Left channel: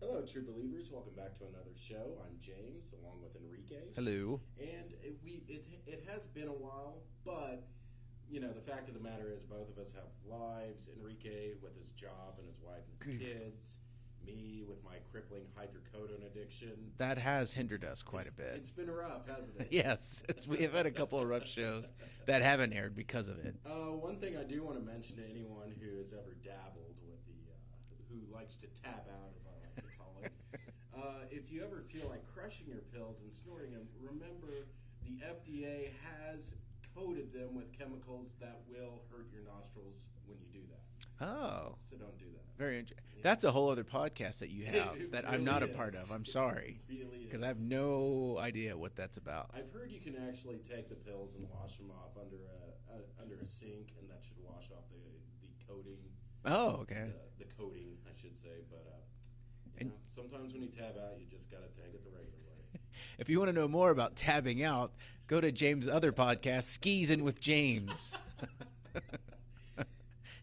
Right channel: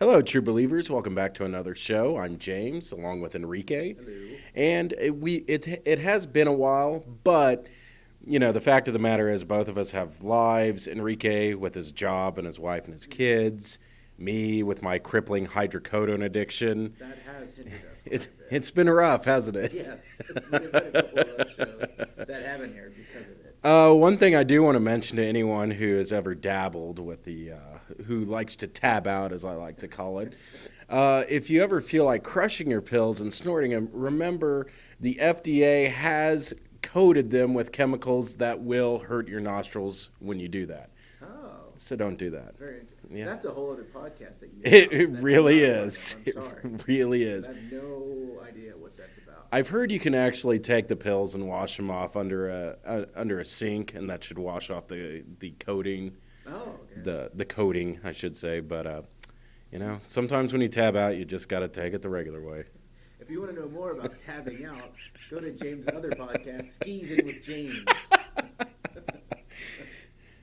Hello, true believers. Welcome back to another show. I'm James, along with Enrique. Hello. And it has been a while, but the fact of the matter is both of us have lives. Enrique with his job and his wife and his kids. Me with my crippling hydrocodone addiction. That has hindered us quite a bit. It's been rough, hasn't it? Yes, we've had a couple of rough shows that haven't aired because of it. One thing I do want to mention to anyone who has ever dabbled with who likes to tab out, as I like to call it, if you ever feel like crushing your pills and snorting them, remember the FDA has coated them with chemicals that will hurt your nostrils when you do that. Oh. So don't do that. Very interesting. Yeah. That's a whole other podcast that you have. It really is. I'm sorry. It really is. I have no idea what that's about. I've heard you can actually take the pills and wash them off under a sink, and that should wash off the coating. Oh, okay. The coating, I should say. But, sometimes when you tab out, you just got to take it the regular way. If you want to know more about tabbing out, go to James' other podcast, Skis In with James.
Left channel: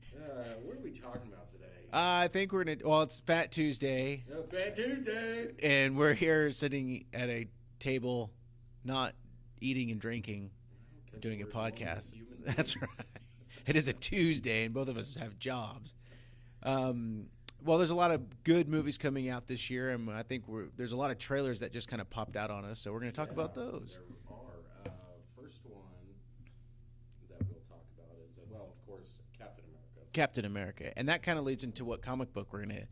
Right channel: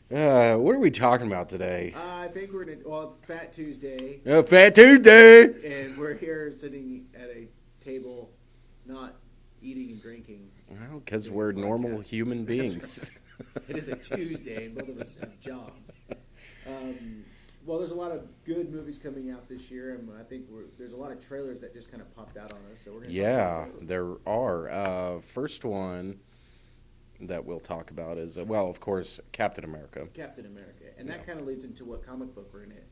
What are we talking about today? I think it's Fat Tuesday. Fat Tuesday! And we're here sitting at a table, not eating and drinking. Well, because we're normal human beings. Right. It is a Tuesday, and both of us have jobs. Well, there's a lot of good movies coming out this year, and I think there's a lot of trailers that just kind of popped out on us, so we're going to talk about those. There are. First one that we'll talk about is, of course, Captain America. Captain America. And that kind of leads into what comic book we're going to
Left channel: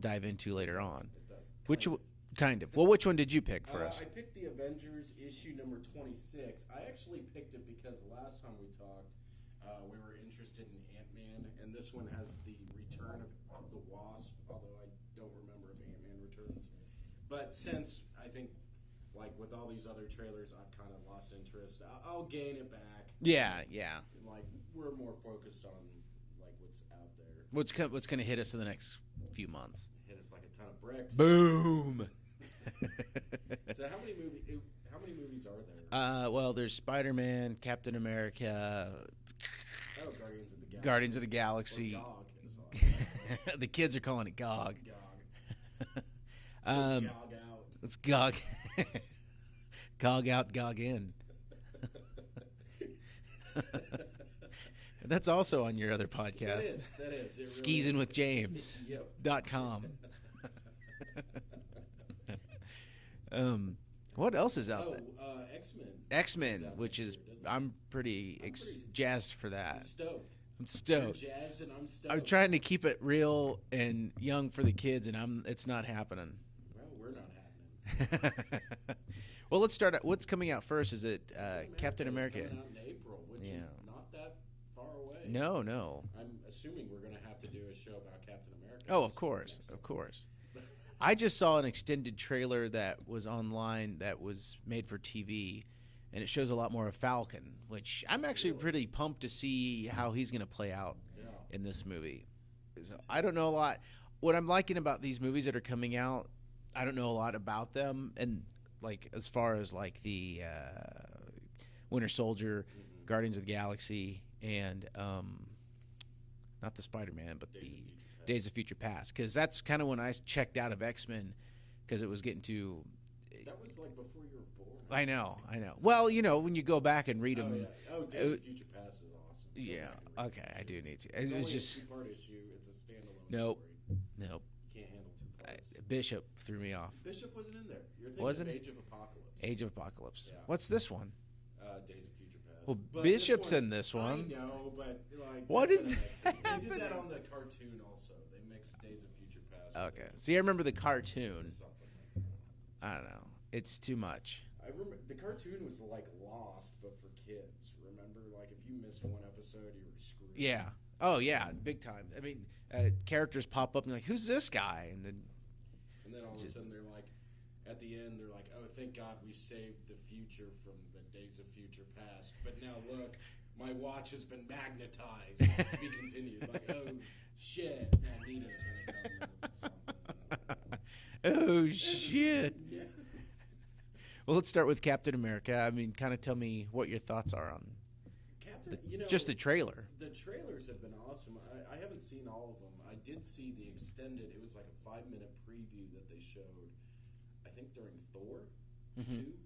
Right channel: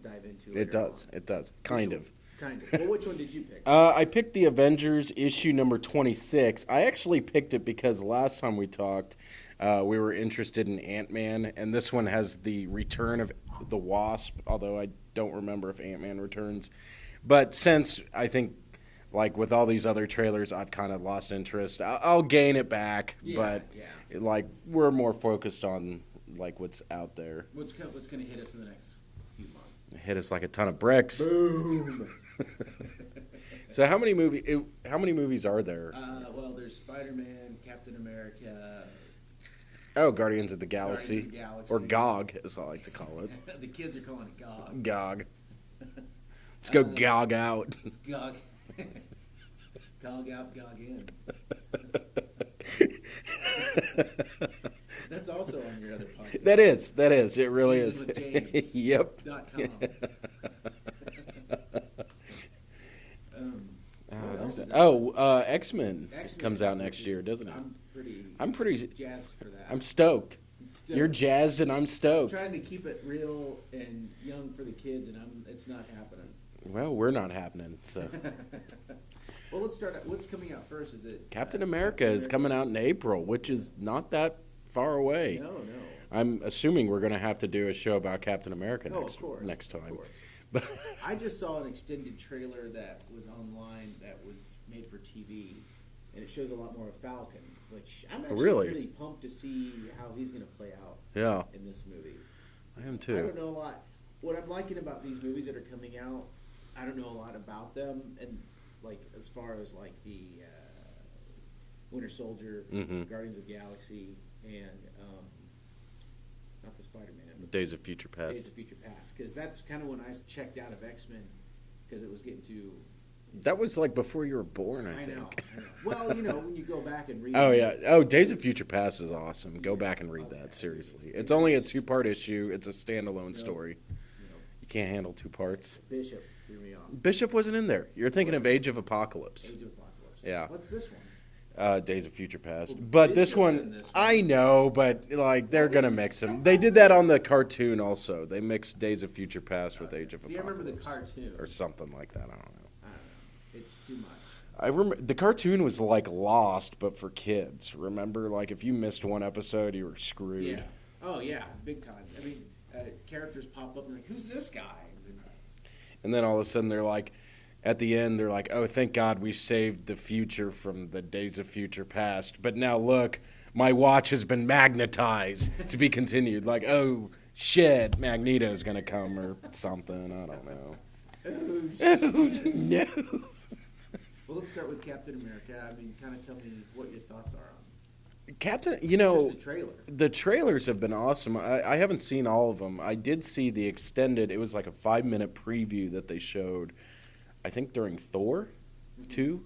dive into later on. It does. Kind of. Well, which one did you pick? I picked the Avengers issue number 26. I actually picked it because last time we talked, we were interested in Ant-Man, and this one has the return of the Wasp, although I don't remember if Ant-Man returns. But since I think, like with all these other trailers, I've kind of lost interest. I'll gain it back. Yeah. Like we're more focused on like what's out there. What's going to hit us in the next few months? Hit us like a ton of bricks. Boom. So how many movies are there? Well, there's Spider-Man, Captain America. Oh, Guardians of the Galaxy. Guardians of the Galaxy. Or GOG, as I like to call it. The kids are calling it GOG. GOG. Let's go GOG out. Let's GOG. GOG out, GOG in. That's also on your other podcast. That is. It really is. Skis In with James. Yep. .com. What what else is out? X-Men. Comes out next year, doesn't it? I'm pretty jazzed for that. I'm stoked. You're jazzed and I'm stoked. I'm trying to keep it real and young for the kids, and it's not happening. Well, we're not happening. So. Well, let's start. What's coming out first? Is it Captain America is coming out in April, which is not that far away. No. I'm assuming we're going to have to do a show about Captain America. Of course. Next time. Of course. I just saw an extended trailer that was online that was made for TV, and it shows a lot more of Falcon, which I'm actually pretty pumped to see how he's going to play out in this movie. I am too. I don't know a lot. What I'm liking about these movies that are coming out, I don't know a lot about them, and like as far as like the Winter Soldier, Guardians of the Galaxy, and not the Spider-Man, but Days of Future Past. Days of Future Past, because that's kind of when I checked out of X-Men, because it was getting too. That was like before you were born. I know. Well, when you go back and read. Oh yeah. Oh, Days of Future Past is awesome. Go back and read that seriously. It's only a 2-part issue. It's a standalone story. No. You can't handle 2 parts. Bishop threw me off. Bishop wasn't in there. You're thinking of Age of Apocalypse. Age of Apocalypse. Yeah. What's this one? Days of Future Past. Well, but Bishop's this one, in this one, I know, but like they're gonna mix them. They did that on the cartoon also. They mixed Days of Future Past with Age of Apocalypse. See, I remember the cartoon or something like that. I don't know. It's too much. I remember the cartoon was like Lost, but for kids. Remember, like if you missed one episode, you were screwed. Yeah. Oh yeah, big time. I mean, characters pop up and like, who's this guy? And then all of a sudden they're like. At the end, they're like, oh, thank God we saved the future from the Days of Future Past. But now, look, my watch has been magnetized to be continued. Like, oh, shit, Magneto's going to come or something. I don't know. Oh, shit. No. Well, let's start with Captain America. I mean, kind of tell me what your thoughts are on Captain, Just the trailer. the trailers have been awesome. I haven't seen all of them. I did see the extended. It was like a 5-minute preview that they showed, I think during Thor 2,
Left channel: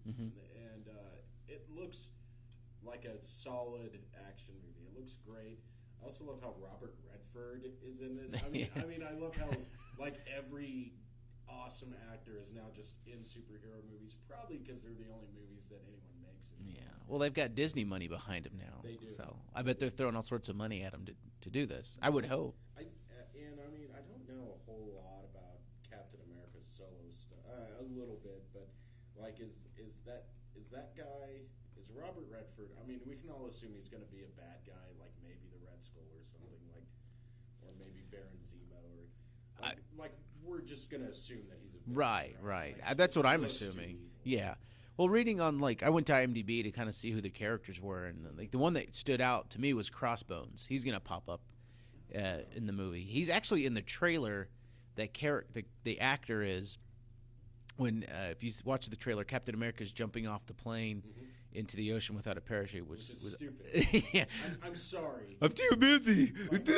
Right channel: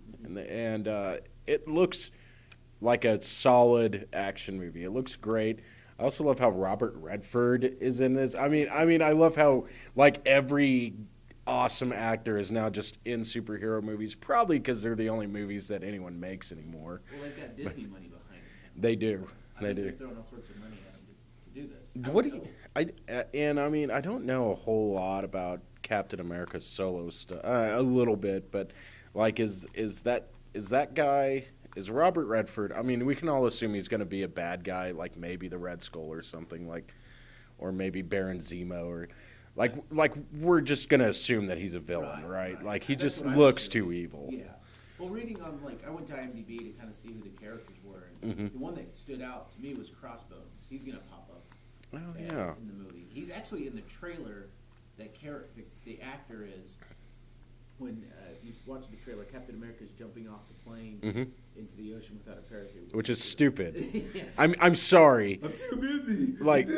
and it looks like a solid action movie. It looks great. I also love how Robert Redford is in this. I mean, I love how like every awesome actor is now just in superhero movies, probably because they're the only movies that anyone makes anymore. Well, they've got Disney money behind them now. They do. So I bet they're throwing all sorts of money at them to do this. I What would do you- hope. I don't know a whole lot about Captain America's solo stuff. A little bit, but like, is that guy? Is Robert Redford? I mean, we can all assume he's going to be a bad guy, like maybe the Red Skull or something, or maybe Baron Zemo, or like we're just going to assume that he's a villain, right? Like he That's just what I'm looks assuming. too evil. Yeah. Well, reading on I went to IMDb to kind of see who the characters were, and the one that stood out to me was Crossbones. He's going to pop up yeah. in the movie. He's actually in the trailer. The actor is. When if you watch the trailer, Captain America's jumping off the plane into the ocean without a parachute, Which is stupid. Yeah. I'm sorry. I'm too busy. Like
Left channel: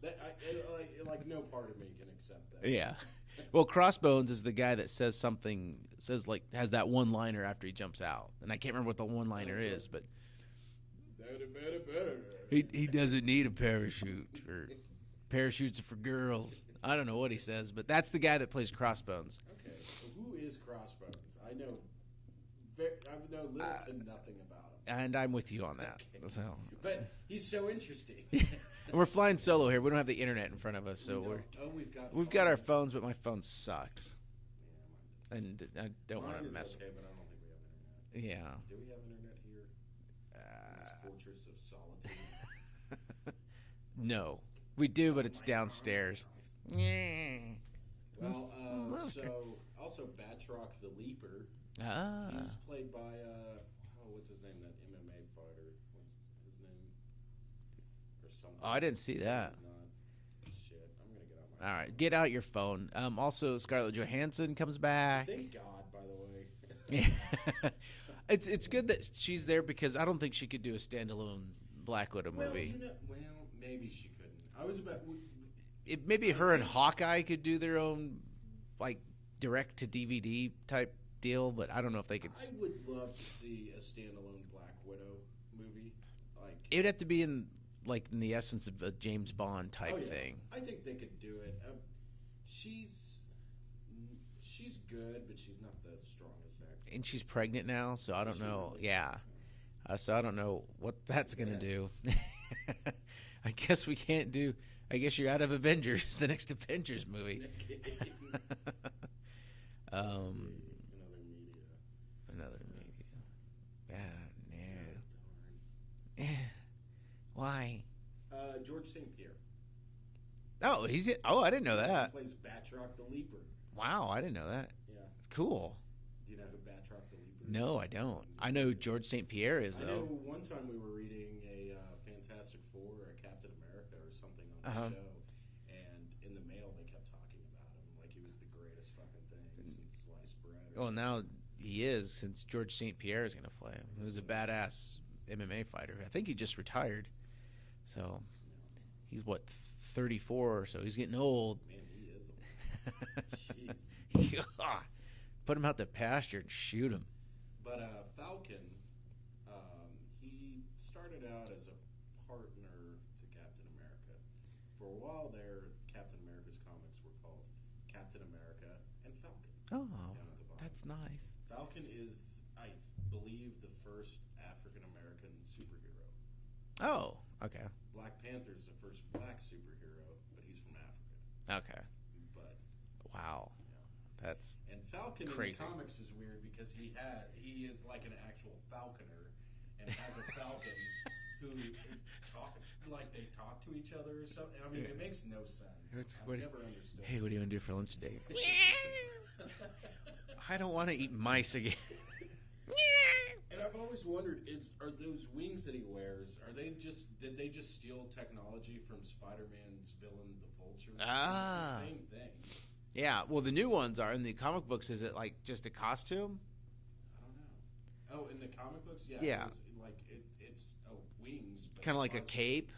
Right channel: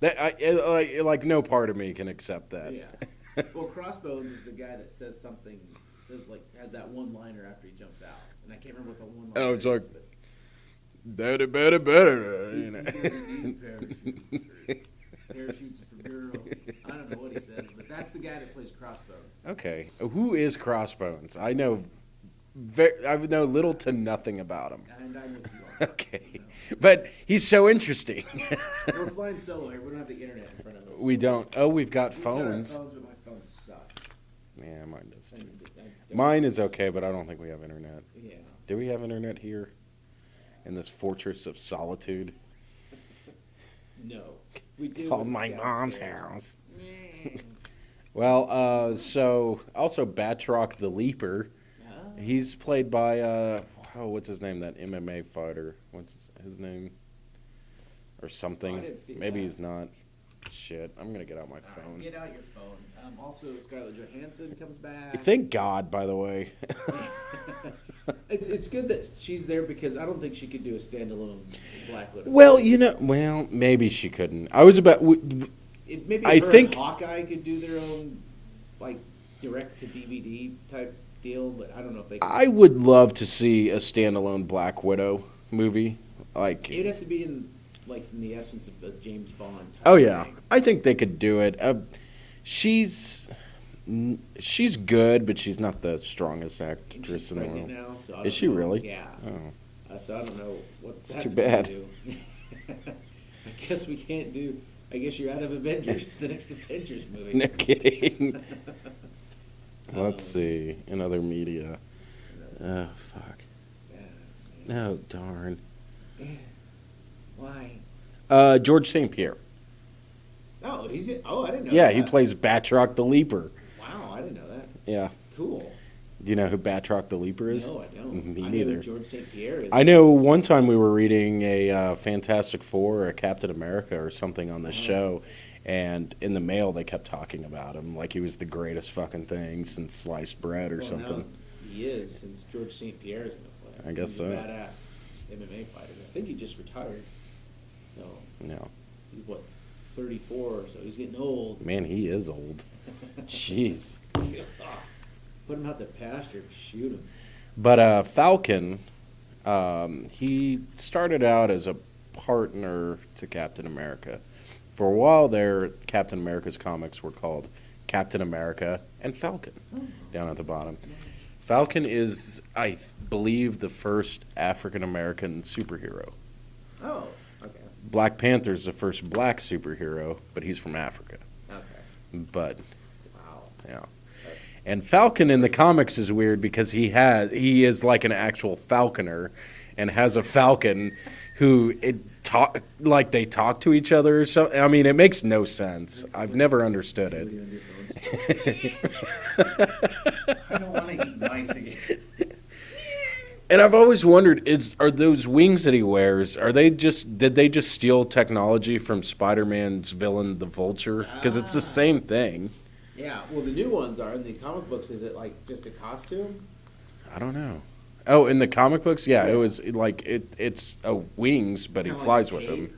that. Like no part of me can accept that. Yeah. Well, Crossbones is the guy that has that one liner after he jumps out, and I can't remember what the one liner it's is, like, but better. he doesn't need a parachute. Or parachutes are for girls. I don't know what he says, but that's the guy that plays Crossbones. Okay, who is Crossbones? I know little to nothing about him. And I'm with you on that. Okay, So, but he's so interesting. we're flying solo here. We don't have the internet in front of us. We so don't. Oh, we've got We've phones. got our phones, but my phone sucks. Yeah, mine does too. And I don't Mine know is this- okay, but I don't think we have internet. Yeah. Do we have internet here? In this fortress of solitude? No. We do, Called but it's my downstairs. mom's house. Well, so also Batroc the Leaper. Ah. He's played by what's his name? That MMA fighter. What's his name? Or something. Oh, I didn't see Maybe that. he's not. Shit, I'm gonna get out my All phone. right, get out your phone. Also, Scarlett Johansson comes back. Thank God, by the way. It's good that she's there because I don't think she could do a standalone Black Widow. Well, movie. maybe she couldn't. I was about. Maybe I her think- and Hawkeye could do their own, like, direct to DVD type deal, but I don't know if they. Could. I would love to see a standalone Black Widow movie. Like, It'd have to be in the essence of a James Bond type. oh yeah, thing. I think they could do it. She's good, but she's not the strongest And actress she's in the pregnant world. now, so I don't Is she know. really? Yeah. Oh. So I don't know what It's that's too going bad. to do. I guess we can't do. I guess you're out of Avengers, the next Avengers movie. No kidding. Um, Let's see. In other media. Oh, fuck. Yeah, man. No, darn. Why? George St. Pierre. Oh, he's in. Oh, I didn't know. Yeah, that. he plays Batroc the Leaper. Wow, I didn't know that. Yeah. Cool. Do you know who Batroc the Leaper is? No, I don't. Me I know neither. who George St. Pierre is. I know one time we were reading a Fantastic Four or a Captain America or something on the show, and in the mail they kept talking about him like he was the greatest fucking thing since sliced bread or Well, something. now he is, since George St. Pierre is going to play. I guess He's so. a badass MMA fighter. I think he just retired. So No. he's what, 34 or so. He's getting old. Man, he is old. Jeez. Put him out the pasture, shoot him. But Falcon, he started out as a partner to Captain America. For a while there, Captain America's comics were called Captain America and Falcon, down at the bottom. Nice. Falcon is, I believe, the first African-American superhero. Oh, okay. Black Panther's the first black superhero, but he's from Africa. Okay. But, Wow. yeah. That's And Falcon in the comics is weird because he is like an actual falconer and has a falcon who they talk to each other or something. I mean, it makes no sense. I've never understood Hey, it. what are you on your phone? I don't want to eat mice again. And I've always wondered, are those wings that he wears, did they just steal technology from Spider-Man's villain, the Vulture? Because it's the same thing. Yeah, well, the new ones are in the comic books. Is it like just a costume? I don't know. Oh, in the comic books, yeah, Yeah. it was like it's wings, but he Kinda like flies a with them. cape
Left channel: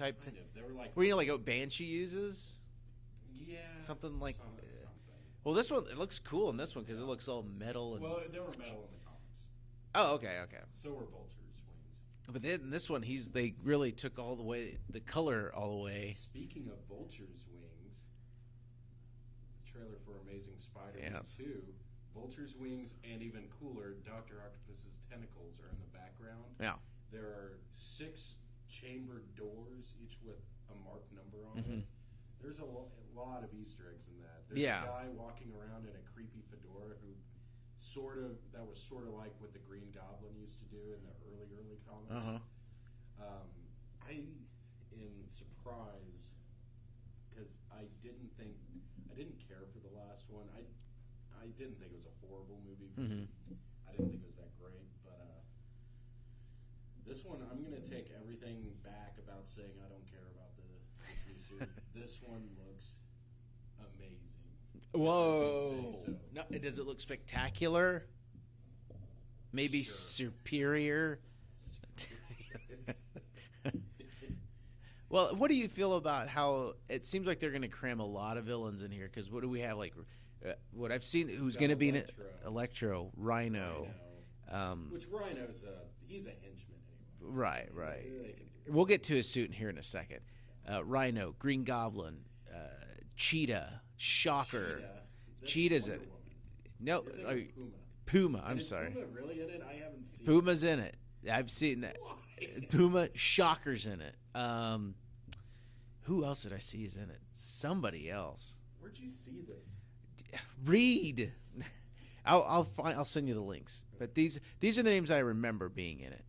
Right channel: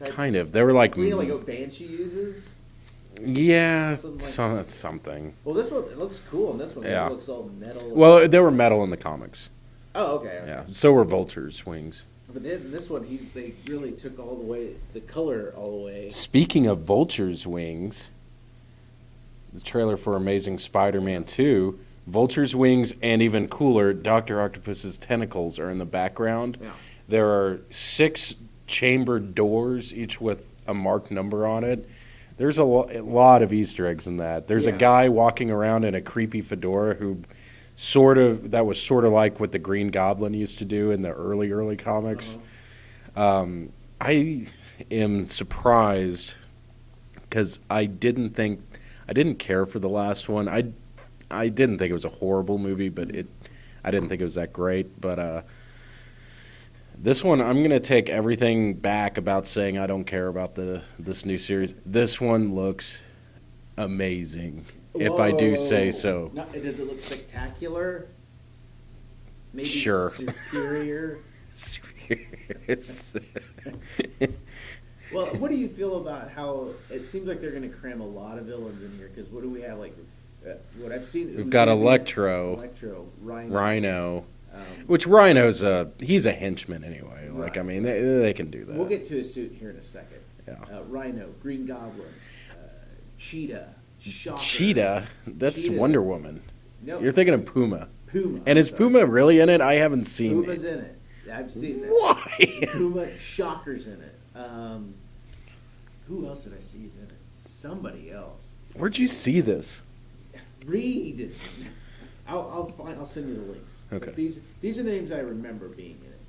type- Kind of. They were like, Well, you know, like what Banshee uses. yeah, Something like- something. Well, this one it looks cool, and this one Yeah. it looks all metal. Well, they were metal in the comics. Oh, okay. Yeah, so were Vulture's wings. But then this one, they really took all the way the color all the way. Speaking of Vulture's wings, the trailer for Amazing Spider-Man 2, Vulture's wings, and even cooler, Dr. Octopus's tentacles are in the background. Yeah. There are 6 chambered doors, each with a marked number on it. There's a lot of Easter eggs in that. There's a Yeah. guy walking around in a creepy fedora who that was sort of like what the Green Goblin used to do in the early comics. I am surprised because I didn't care for the last one. I didn't think it was a horrible movie, but I didn't think it was that great. But this one, I'm gonna take everything back about saying I don't care about this new series. This one looks amazing, if I do say so. Does it look spectacular? Maybe Sure. superior. Well, what do you feel about how it seems like they're going to cram a lot of villains in here? Because what do we have? Like, what I've seen. We've got Electro, Rhino. Rhino. Which Rhino's he's a henchman anyway. Like, Right, I mean, right. they can do that. We'll get to his suit here in a second. Yeah. Rhino, Green Goblin, Cheetah, Shocker. Cheetah. That's Cheetah's Wonder Woman. No, You're thinking of Puma. Puma. And I'm is sorry. Puma really in it? I haven't seen Puma's it. in it. I've seen it. Why? Puma, Shocker's in it. Who else did I see is in it? Somebody else. Where'd you see this? Read. I'll send you the links. Okay. But these are the names I remember being in it.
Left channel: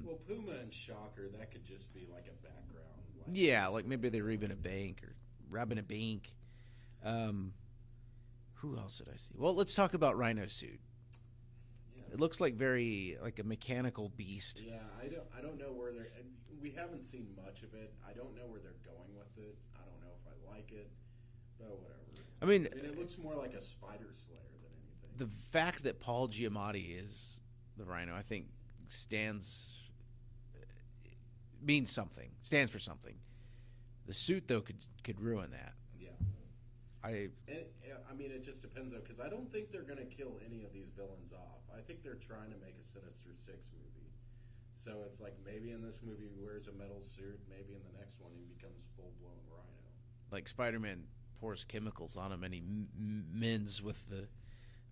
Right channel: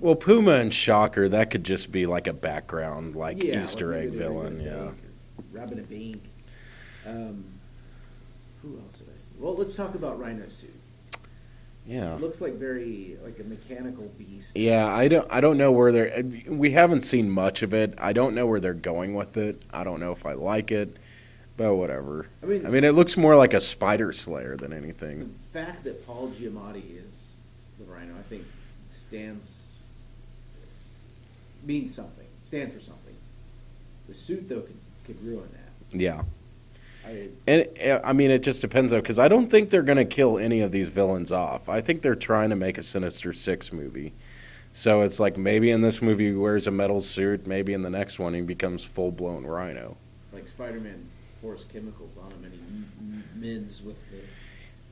Well, Puma and Shocker, that could just be like a background, like yeah, Easter like egg maybe they're villain. robbing a Yeah. bank or robbing a bank. Who else did I see? Well, let's talk about Rhino's suit. Yeah. It looks like like a mechanical beast. Yeah, I don't know where they're. We haven't seen much of it. I don't know where they're going with it. I don't know if I like it, but whatever. I mean, it looks more like a spider slayer than the anything. fact that Paul Giamatti is the Rhino, I think, means something. Stands for something. The suit, though, could ruin that. Yeah. I It just depends though, because I don't think they're gonna kill any of these villains off. I think they're trying to make a Sinister Six movie. So it's like maybe in this movie he wears a metal suit, maybe in the next one he becomes full blown Rhino. like Spider-Man pours chemicals on him and he mends with the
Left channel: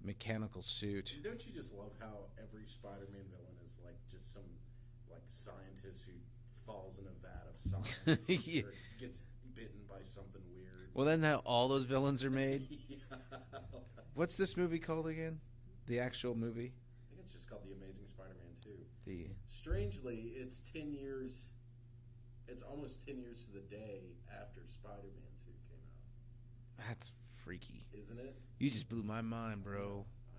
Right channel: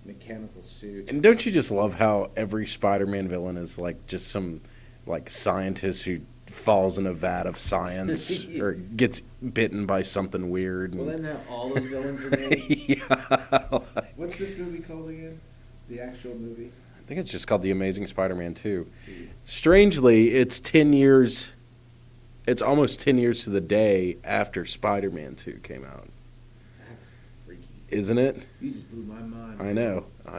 mechanical suit. And don't you just love how every Spider-Man villain is like just some like scientist who falls in a vat of science Yeah. or gets bitten by something weird? Well, then how all those villains are made. Yeah. What's this movie called again? The actual movie? I think it's just called The Amazing Spider-Man 2. Strangely, it's 10 years. It's almost 10 years to the day after Spider-Man 2 came out. That's freaky. Isn't it? You just blew my mind. I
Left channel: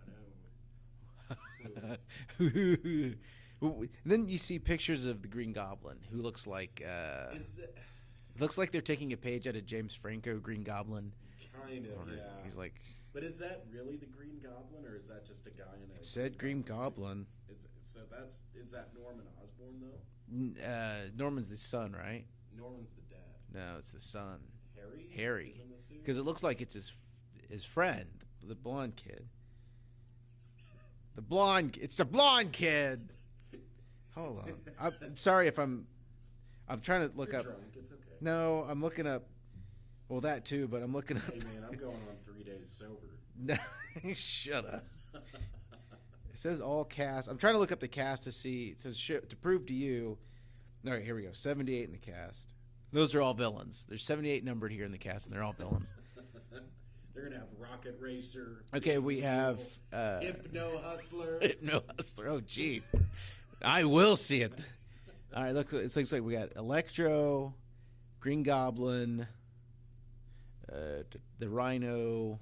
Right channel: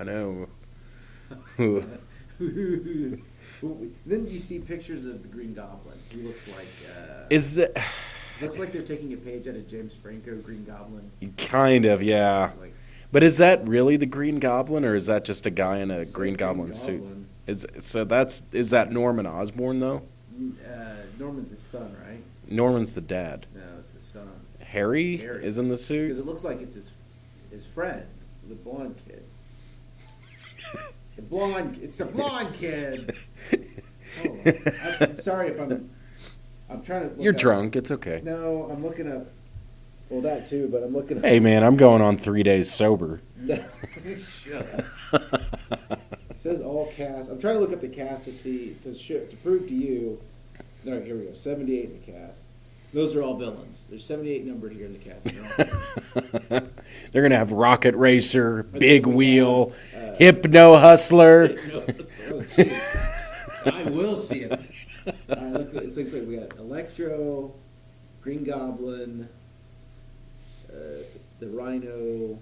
know. Then you see pictures of the Green Goblin, who looks like Is it looks like they're taking a page out of James Franco Green Goblin. kind of, yeah. It's like, But is that really the Green Goblin, or is that just a guy in a it's Green like Goblin suit? Goblin. Is that Norman Osborn though? Norman's the son, right? Norman's the dad. No, it's the son. Harry Harry. is in the Because suit. it looks like it's his friend, the blonde kid. It's the blonde kid. Hold on. I'm sorry if I'm trying to. Look You're up. drunk. It's okay. No, I'm looking up. Well, that too, but I'm looking up. Hey man, I'm going on 3 days sober. Shut up. It says all cast. I'm trying to look up the cast to prove to you. All right, here we go. 78 in the cast. Those are all villains. There's 78 numbered here in the cast. And they're all villains. They're gonna have Rocket Racer, then Big we Wheel, have, Hypno Hustler. No, oh, geez. I will see it. All right, look. It looks like we got Electro, Green Goblin, the Rhino,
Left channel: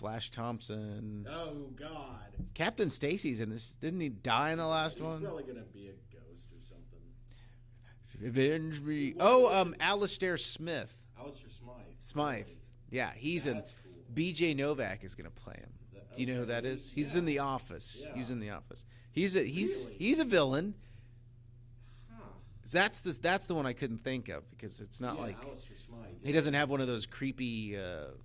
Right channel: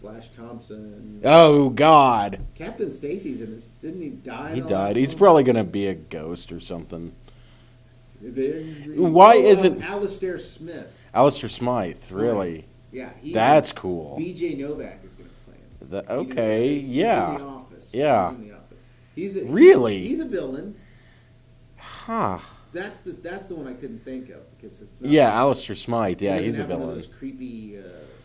Flash Thompson. Oh God, Captain Stacy's in this. Didn't he die? In he the died. last He's one? probably gonna be a ghost or something. Why isn't- Alistair Smith? Alistair Smythe, really? Yeah, he's That's cool. B.J. Novak is going to play him. Okay, You know who that is? yeah. He's in The Office. Yeah. He's in The Office. He's Really? He's a villain. Huh. So that's the one I couldn't think of because it's not. Yeah, like, Alistair Smythe. Yeah, he doesn't he's a have one of villain. those creepy.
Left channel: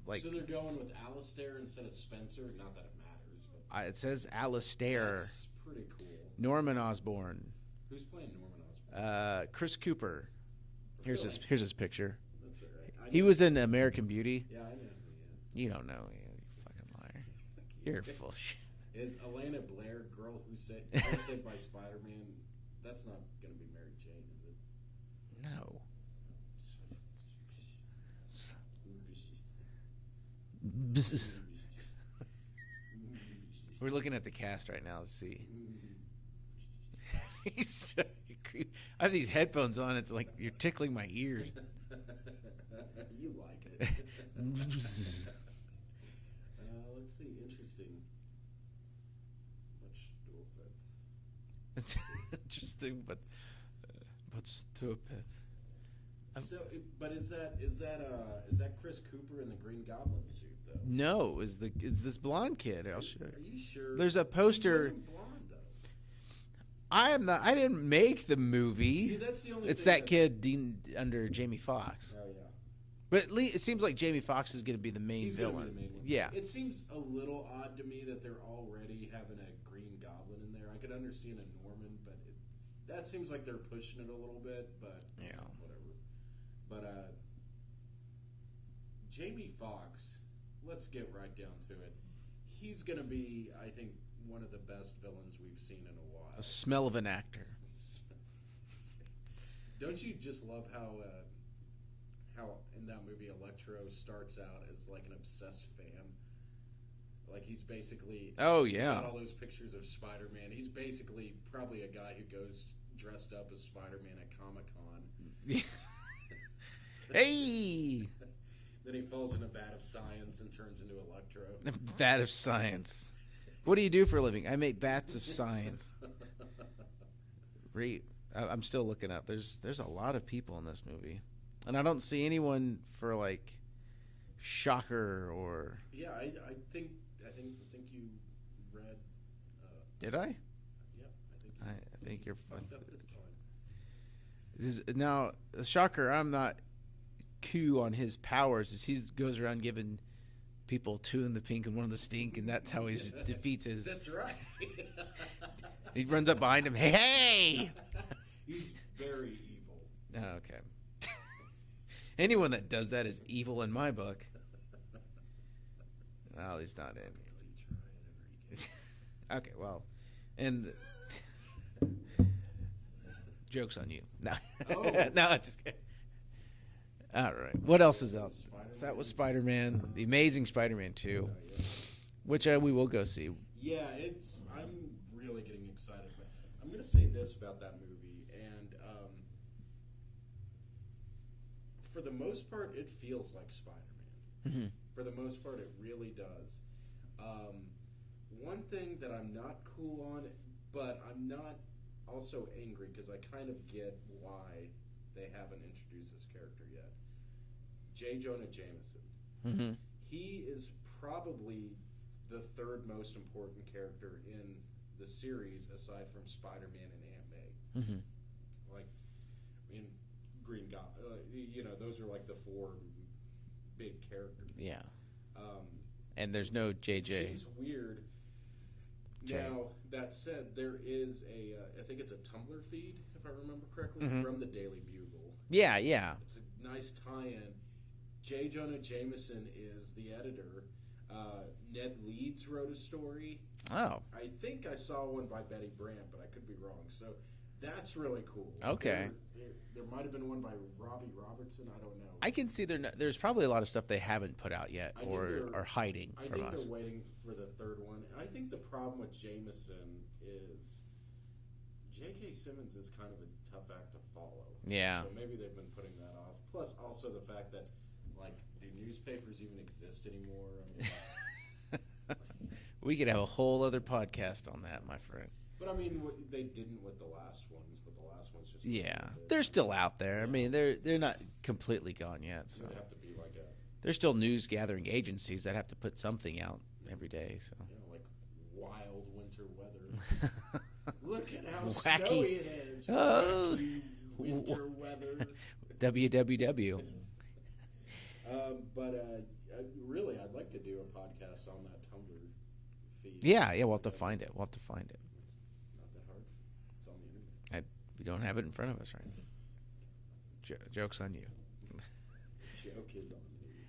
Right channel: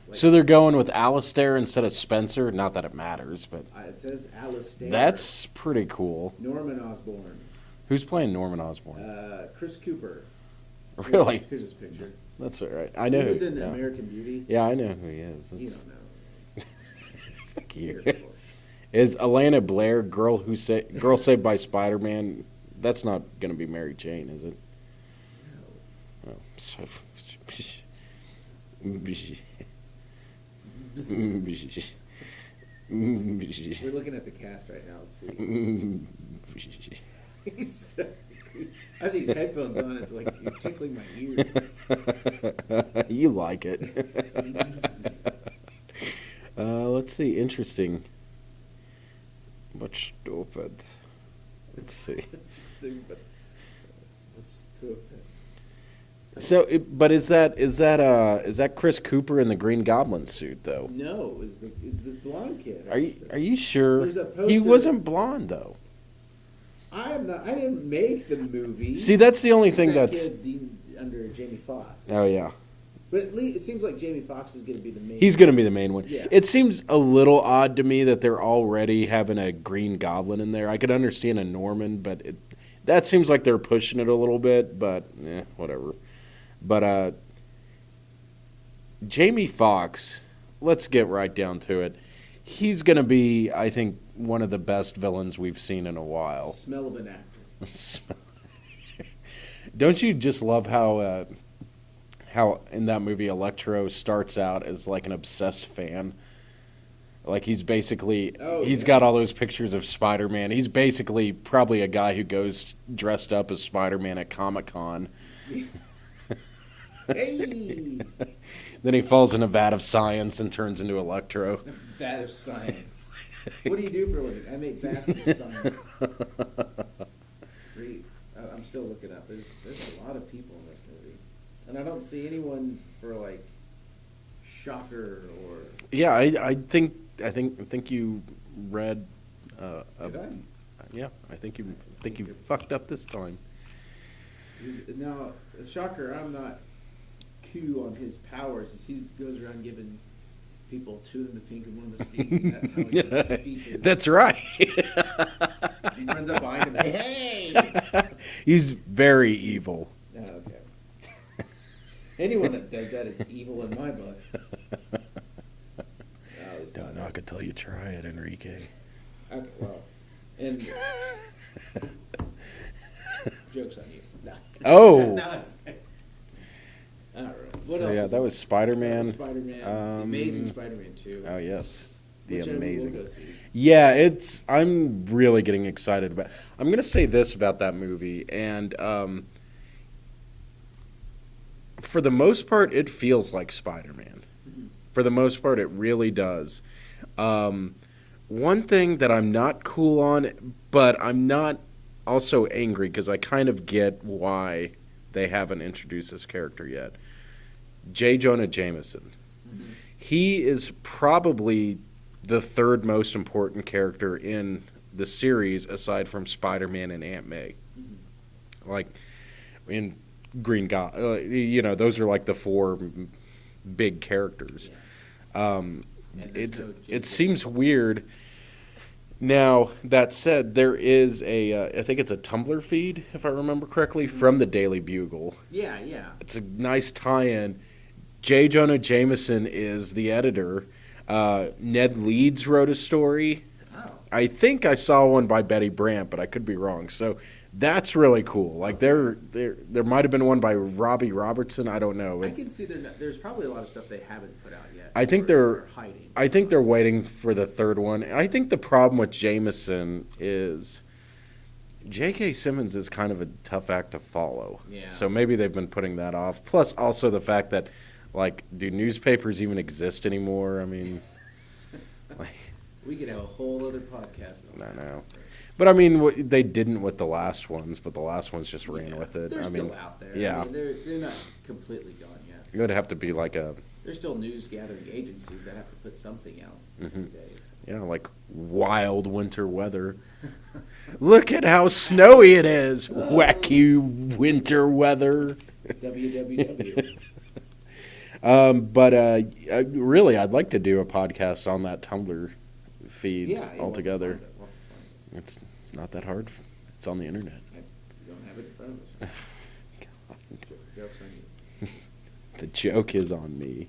Like, So they're going with Alistair instead of Spencer. Not that it matters, but it says Alistair. that's pretty cool. Norman Osborn. Who's playing Norman Osborn? Chris Cooper. Really? Here's his picture. That's all right. I know. He was in yeah. American Beauty. Yeah, I know who he is. You don't know. Fuck you. You're full of shit. Is Alana Blair, girl saved by Spider-Man? That's not going to be Mary Jane, is it? No. Oh, so, We're looking at the cast right now. Let's see. He's so creepy. I have these headphones on. It's like you're tickling my ear. You like it. Let's see. Interesting. But stupid. Let's see. Interesting, but stupid. So, but is that Chris Cooper in the Green Goblin suit though? No, is this blonde kid? Are you sure? There's a poster. He wasn't blonde though. I am not. I didn't make the movie. See, that's the only thing that that's kid under Jamie Foxx. Oh yeah. But at least it seems like Jamie Foxx is going to be the main. He's going to be the main one. Yeah. It seems a little odd to me that they're already having a Green Goblin in there. I could understand a Norman, but that seems like they're pushing it a little bit. But whatever. But Jamie Foxx, let's get right down to it. He's going to be, I think, one of the best villains we've seen in a while. Smell of an actor. Don't you just love how in that movie Electro starts out as like an obsessed fan? Like he's basically, he's got all those pictures of Spider-Man. He's basically probably a guy who goes dressed up as Spider-Man at Comic-Con. Hey! Then he falls in a vat of science and turns into Electro. Vat of science. What do you do for a living? I make vats of science. I'm still looking up. There's a lot of people in this movie, and I don't see anyone for like Shocker or. Yeah, I think you read. Did I? Yeah, I think you fucked up this time. Now, Shocker, I'm not cool on his powers. Is he goes around giving people 2 in the pink and 1 in the stink, and that's how he defeats his. That's right. He runs up behind him. Hey! He's very evil. Oh, okay. Anyone that does that is evil in my book. Oh, he's Don't not. knock until you try it, Enrique. Okay, well, and joke's on you. No. Oh. No, it's. All right. What So, else? Yeah, is that it? was Spider-Man. That was Spider-Man. The Amazing Spider-Man 2. Oh yes. Which we will go see. Yeah, I'm really getting excited about. I'm gonna say this about that movie, and for the most part, it feels like Spider-Man. Mm-hmm. For the most part, it really does. One thing that I'm not cool on, but I'm not also angry because I kind of get why they haven't introduced this character yet. J. Jonah Jameson. Mm-hmm. He is probably the 3rd most important character in the series aside from Spider-Man and Aunt May. Mm-hmm. Like in Green Goblin, those are like the 4 big characters. Yeah. And there's no JJ. It seems weird. Now, that said, there is I think it's a Tumblr feed, if I remember correctly, from the Daily Bugle. Yeah, yeah. It's a nice tie-in. J. Jonah Jameson is the editor. Ned Leeds wrote a story. Oh. I think I saw one by Betty Brant, but I could be wrong. So that's really cool. Like there might have been one by Robbie Robertson. I don't know. I can see there's probably a lot of stuff they haven't put out yet. I think they're hiding. I think they're waiting for the 3rd one. I think the problem with Jameson is J.K. Simmons is kind of a tough act to follow. Yeah. So maybe they've been putting that off. Plus, also the fact that, like, do newspapers even exist anymore? I mean, we could have a whole other podcast on that. know. But I mean, they didn't with the last ones, but the last ones just ran with it. They're still out there. Yeah. I mean, they're not completely gone yet. It would have to be like a... There's still news gathering agencies that have to put something out every day. So. Yeah, like wild winter weather. Look at how snowy it is. Wacky winter weather. WWW. Really, I'd like to do a podcast on that Tumblr feed altogether. We'll have to find it. It's not that hard. It's on the internet. We don't have it in front of us right now. Joke's on you. The joke is on me.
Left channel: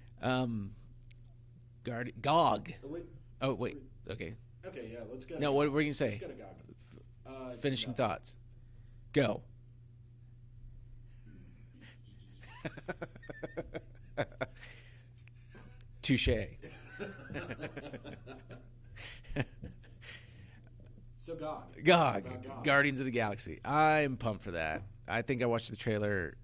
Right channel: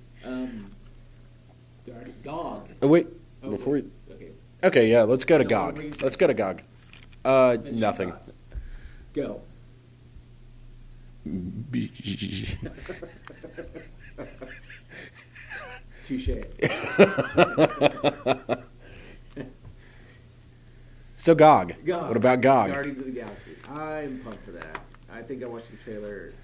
GOG. Oh, wait. Okay. Okay, yeah, let's go to GOG. What were you saying? Let's go to GOG. Finish Nothing. Your thoughts. Go. Touche. So GOG. GOG. What about GOG? Guardians of the Galaxy. I'm pumped for that. I think I watched the trailer,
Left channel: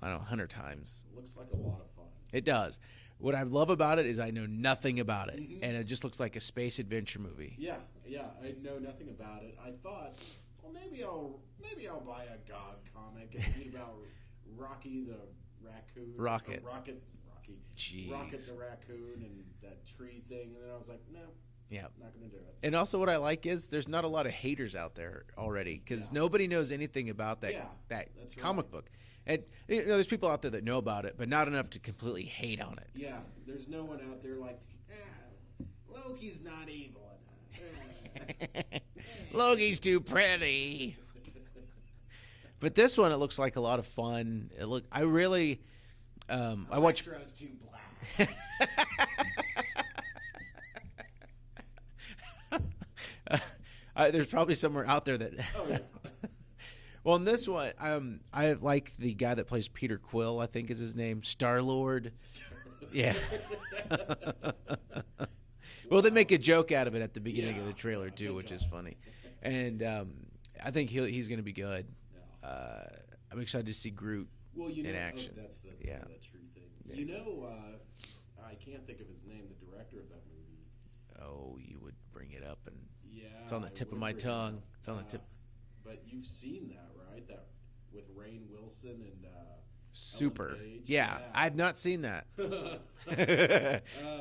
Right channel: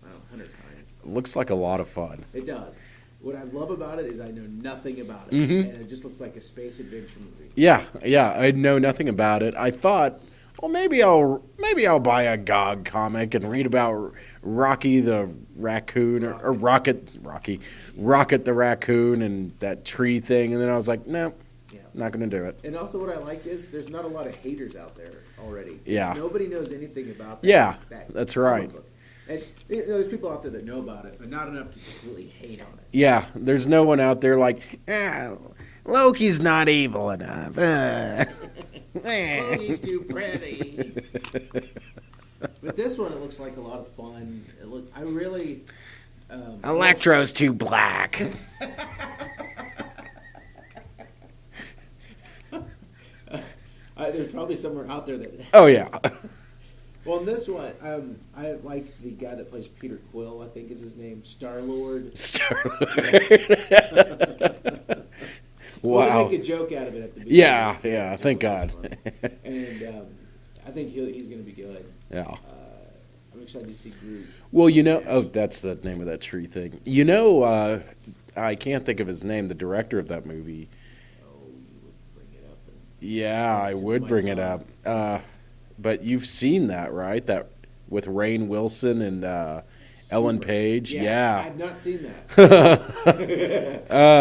100 times. Looks like a lot of fun. It does. What I love about it is I know nothing about it, Mm-hmm. and it just looks like a space adventure movie. Yeah, I know nothing about it. I thought, well, maybe I'll buy a GOG comic and read about Rocky the raccoon or Rocket the raccoon and that tree thing, and then I was like, no, not going to do it. And also, what I like is there's not a lot of haters out there already. Yeah, nobody knows anything about that. Yeah, that that's comic right. book. And there's people out there that know about it, but not enough to completely hate on it. Yeah, there's no one out there like, Loki's not evil enough. Loki's too pretty. But this one, it looks like a lot of fun. I really. Electro's too black. There's probably somewhere out there that. Oh yeah. Well, in this one, I like the guy that plays Peter Quill. I think is his name, Star-Lord. Well, they make a joke out of it at the beginning. Yeah. Thank God. And I think he's going to be good. Yeah. I'm excited to see Groot. Well, that's the name of that tree thing. I can't think of his name. The director of that movie. Oh, you would bring it up. I would bring it up. But you've seen that, right? That with Rainn Wilson and Ellen Page. Yeah. I've not seen that.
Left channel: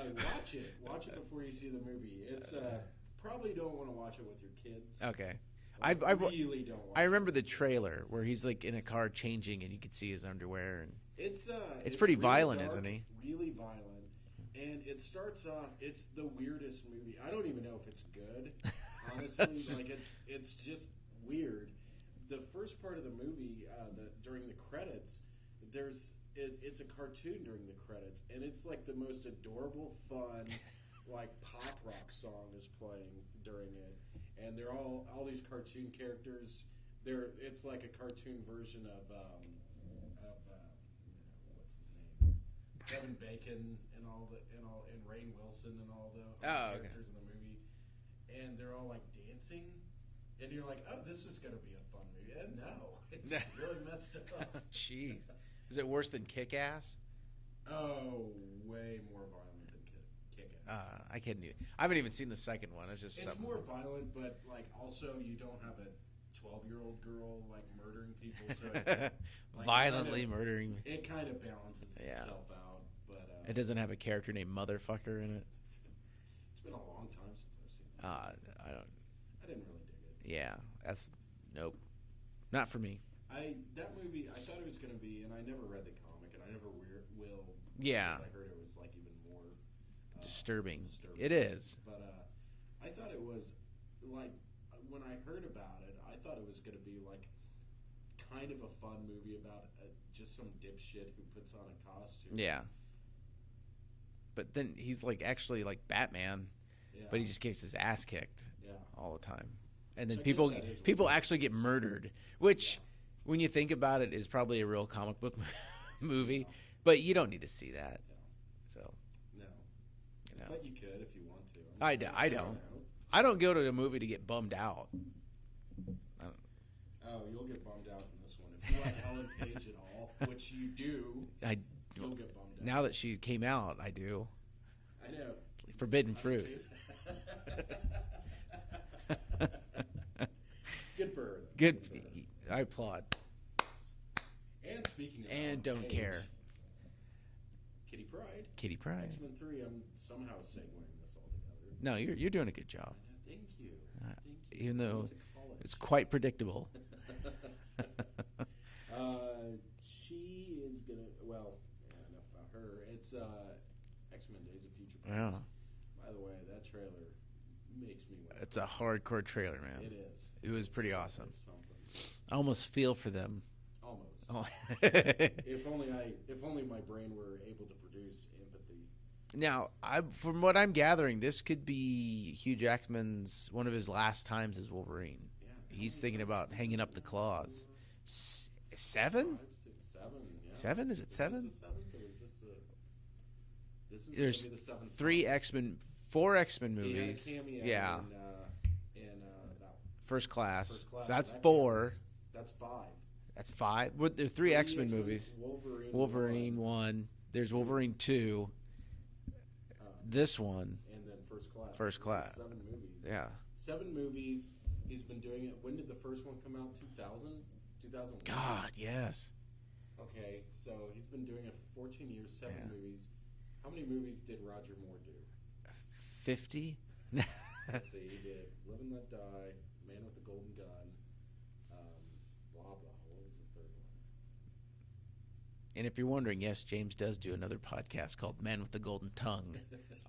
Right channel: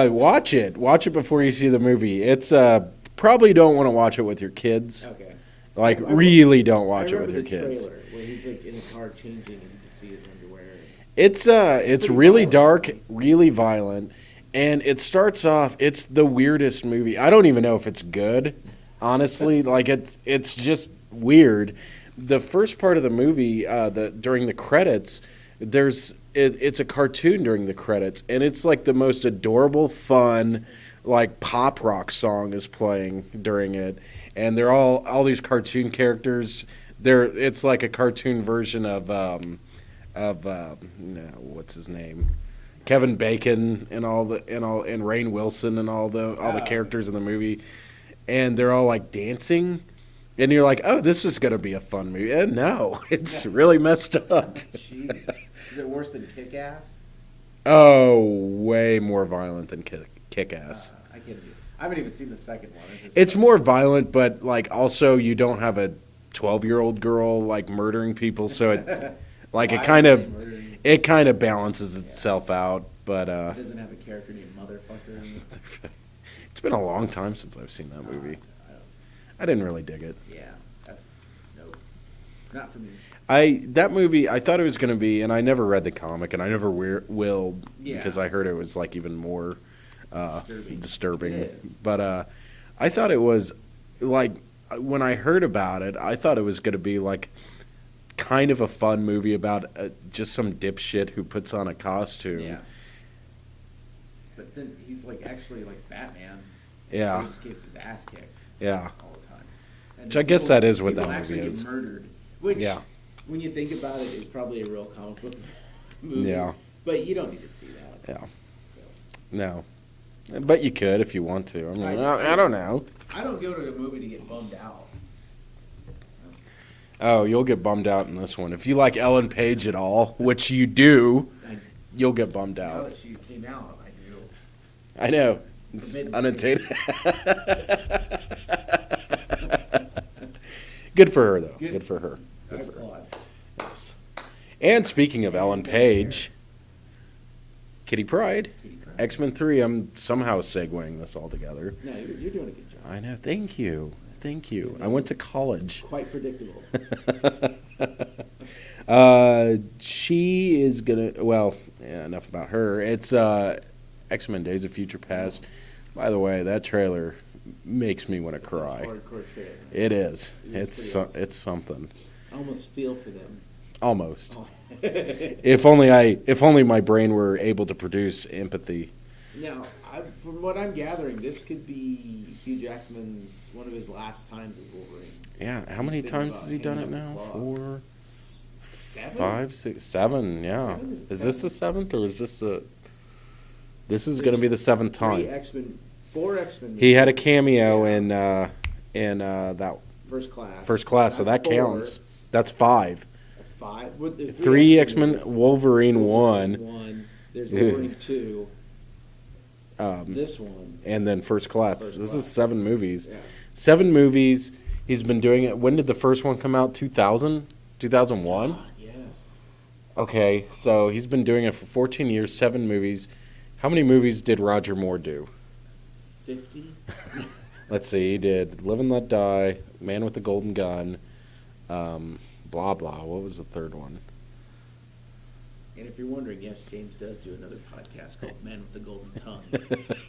Watch it. Watch it before you see the movie. It's probably don't want to watch it with your kids. Okay. Really don't watch it with your kids. I remember the trailer where he's like in a car changing and you can see his underwear. It's really violent, dark, really violent, and it starts off. It's the weirdest movie. I don't even know if it's good, honestly. It's just weird. The first part of the movie, during the credits, it's a cartoon during the credits, and it's like the most adorable, fun, like pop rock song is playing during it, and they're all these cartoon characters. It's like a cartoon version of what's his name, Kevin Bacon and and Rainn Wilson and all the characters in the movie, and they're all like dancing. And you're like, oh, this is going to be a fun movie. And no, it's really messed up. Jeez. Is it worse than Kick-Ass? Oh, way more violent than Kick-Ass. I can't do it. I haven't even seen the second one. It's more violent, but also you don't have a 12-year-old girl murdering people, so it kind of balances itself out. But it doesn't have a character named Motherfucker. It's been a long time since I've seen that movie. I didn't really dig it. Yeah, nope, not for me. That movie, I thought it was going to be, and I never read the comic, and I never will because I heard it was even more disturbing. It is. But I thought it was when I heard about it, I thought it was going to be kind of a fun movie about just some dipshit who puts on a costume. Yeah. But then he's actually like Batman. Yeah. He just gets his ass kicked. Yeah. All the time. And which I guess that is what that movie actually is. get murdered. Which, when you think about it, is probably a real comic book movie. Yeah. But you don't need to see that. Yeah. So. No. But you could if you want to. I don't know. I don't go to the movie to get bummed out. Oh, you'll get bummed out in this one. If you like Ellen Page at all, which you do, you'll get bummed out. Now that she came out, I do. I know. It's unattainable. Good for her, though. Good for her. I applaud. Yes. And speaking of Ellen Page, Kitty Pryde, X-Men 3, I'm somehow segueing this all together. No, you're doing a good job. I know. Thank you. You know, I went to college. It's quite predictable. She is going to, well, yeah, enough about her. It's X-Men Days of Future Past. By the way, that trailer makes me want to cry. It's a hardcore trailer, man. It is. Awesome. It's something. I almost feel for them. Almost. If only my brain were able to produce empathy. Now, from what I'm gathering, this could be Hugh Jackman's one of his last times as Wolverine. Yeah. How many times has he done it now? 4, 7? 5, 6, 7. Yeah. 7? Is this the 7th or is this the? This is going to be the 7th time. 4 X-Men movies. He had a cameo in that First Class. First Class, so that 4. counts. That's 5. That's 5. With the 3 X-Men, Wolverine 1. There's Wolverine 2. This one. And then First Class. This is 7 movies. Yeah. 7 movies. He's been doing it. When did the first one come out? 2000? 2001? God, yes. Okay, so he's been doing it for 14 years, 7 movies. How many movies did Roger Moore do? 50? Let's see. He did Live and Let Die, Man with the Golden Gun, blah, blah. What was the third one? And if you're wondering, yes, James does do another podcast called Man with the Golden Tongue,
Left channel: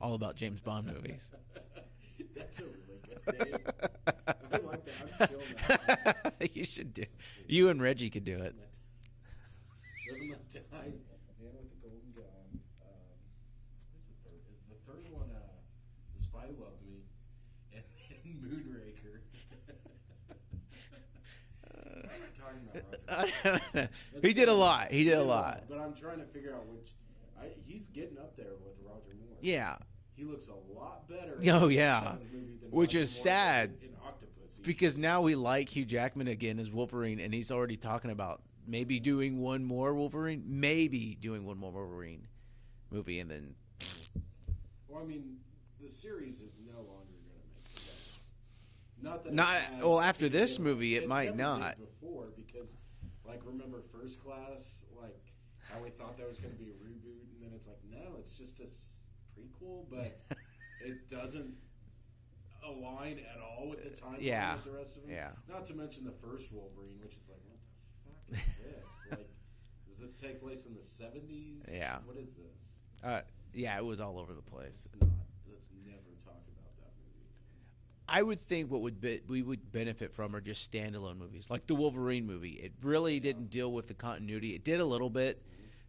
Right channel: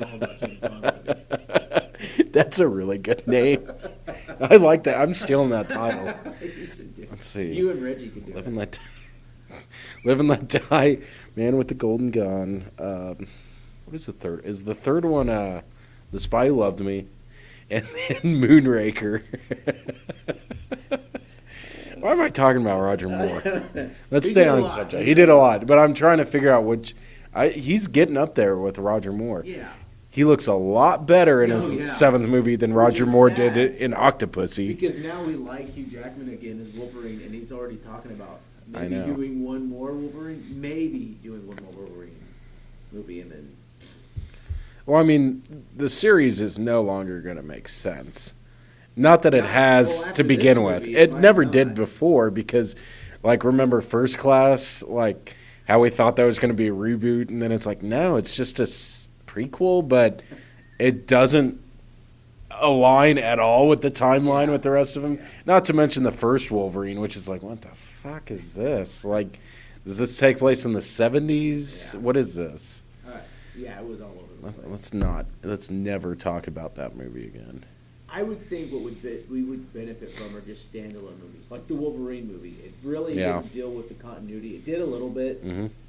all about James Bond movies. That's a really good name. I like that. I'm stealing that title. You should do it. Let's see. You and Reggie can do Live it. and Live and Let Die, Man with the Golden Gun. What is the third? Is the third one The Spy Who Loved Me, and then Moonraker? Why am I talking about Roger Moore? Let's stay on the subject. He did a lot, but I'm trying to figure out which. He's getting up there with Roger Moore. Yeah. He looks a lot better in his 7th movie than Roger Moore did in Octopussy. Because now we like Hugh Jackman again as Wolverine, and he's already talking about maybe doing one more Wolverine, movie, and then. Well, I mean, the series is no longer going to make sense. Not that it has to begin with. It never did before because, like, remember First Class? Like, how we thought that was going to be a reboot, and then it's like, no, it's just a prequel, but it doesn't align at all with the timeline with the rest of them. Yeah. Not to mention the first Wolverine, which is like, what the fuck is this? Like, does this take place in the 70s? Yeah. What is this? Yeah, it was all over the place. Let's never talk about that movie again. I would think we would benefit from are just standalone movies, like the Wolverine movie. It really didn't deal with the continuity. It did a little bit,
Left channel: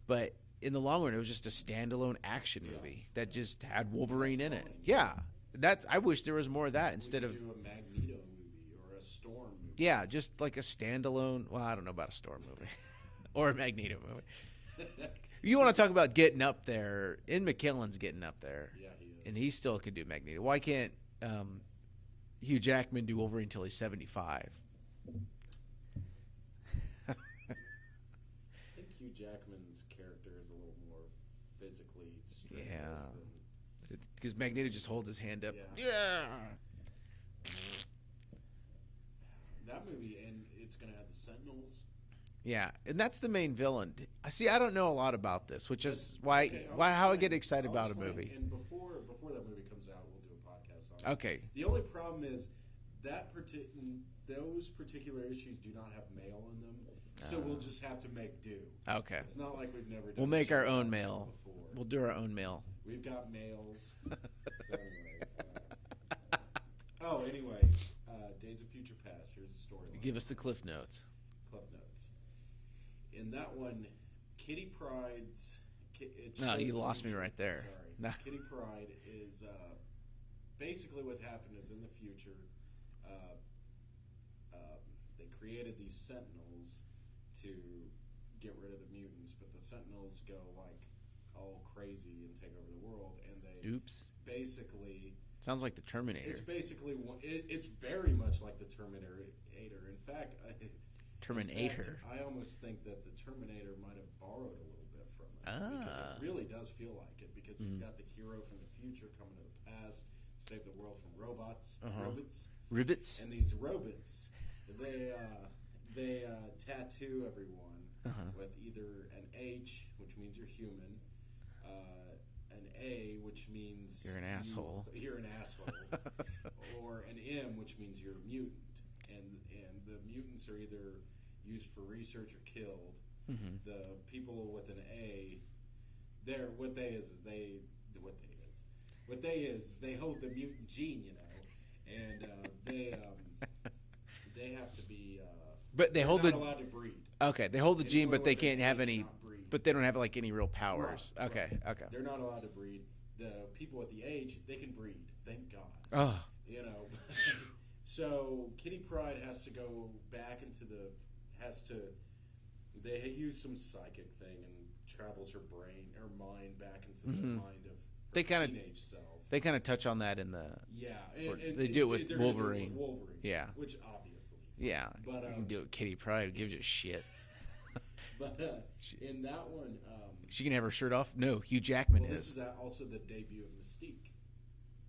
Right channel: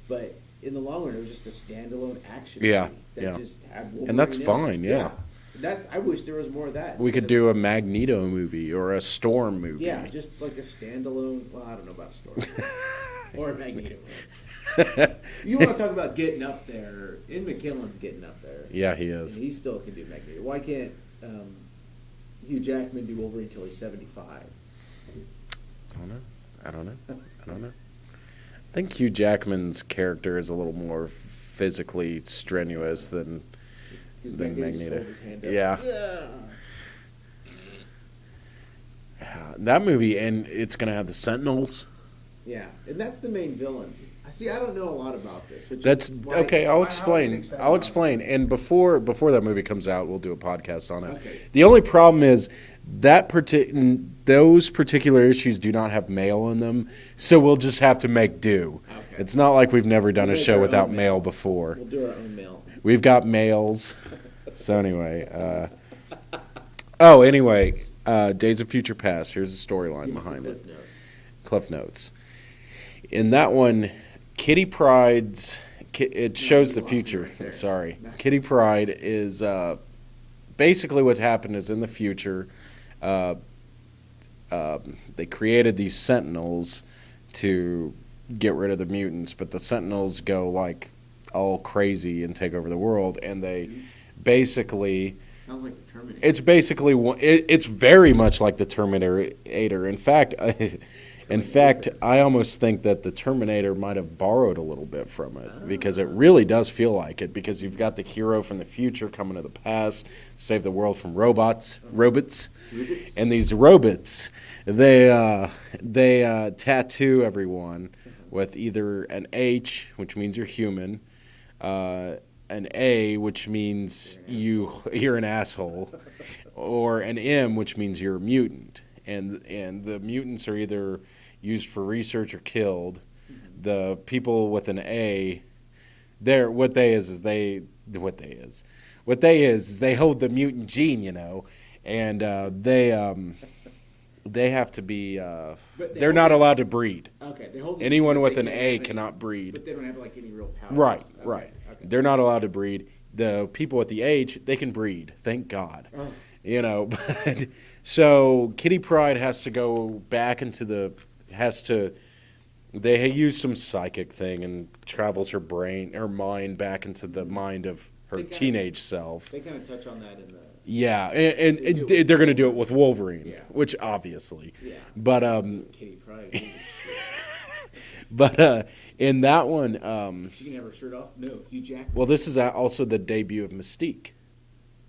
but in the long run, it was just a standalone action movie that just had Wolverine. And that's fine. Yeah. I wish there was more of that. We could do a Magneto movie or a Storm movie. Yeah, just like a standalone. Well, I don't know about a Storm or a Magneto movie. You want to talk about getting up there? Ian McKellen's getting up there. Yeah, he is. And he still can do Magneto. Why can't Hugh Jackman do Wolverine until he's 75? I don't know. I think Hugh Jackman's character is a little more physically strenuous than Magneto. Just holds his hand up. Yeah. That movie, and it's going to have the Sentinels. Yeah, and that's the main villain. I don't know a lot about this, which is why, okay. I'll explain. And before that movie comes out, we'll do a podcast on it. Okay. The only problem is that those particular issues do not have mail in them, so we'll just have to make do. Okay. It's not like we've never done a show without mail before. We'll do our own mail. We've got mails. So anyway, Days of Future Past. Here's the storyline behind it. Cliff Notes. In that one, Kitty Pryde's. It shows the future. Right Sorry, Kitty Pryde is basically what happened is in the future. They created these Sentinels to get rid of the mutants, but the Sentinels go like all crazy and take over the world, and they basically. Sounds like the Terminator. It's basically it's very much like the Terminator. In fact. In fact, I almost think that the Terminator might have borrowed a little bit from it because it really does feel like it. Because you've got the hero from the future coming to the past, save the world from robots, and these robots, they tattoo everyone with either an H, which means you're human, an A, which means you're an asshole, or an M, which means you're a mutant. And the mutants are either used for research or killed. The people with an A, what they hold the mutant gene, you know, and they have to be. But they're not allowed to breed. Okay, they hold the anyone gene, with an A cannot breed. But they don't have like any real powers. Right, okay, right. Okay. They're not allowed to breed. The people with the H, they can breed. Thank God. Oh. You know, but so Kitty Pryde has to go back into they use some psychic thing and travels her mind back into the mind of her teenage self. They kind of touch on that in the... Yeah, and they're going to do it with Wolverine. Yeah. Which obviously. Yeah. But do Kitty Pryde. Shit. But in that one... she can have her shirt off? No, Hugh Jackman. Well, this is also the debut of Mystique.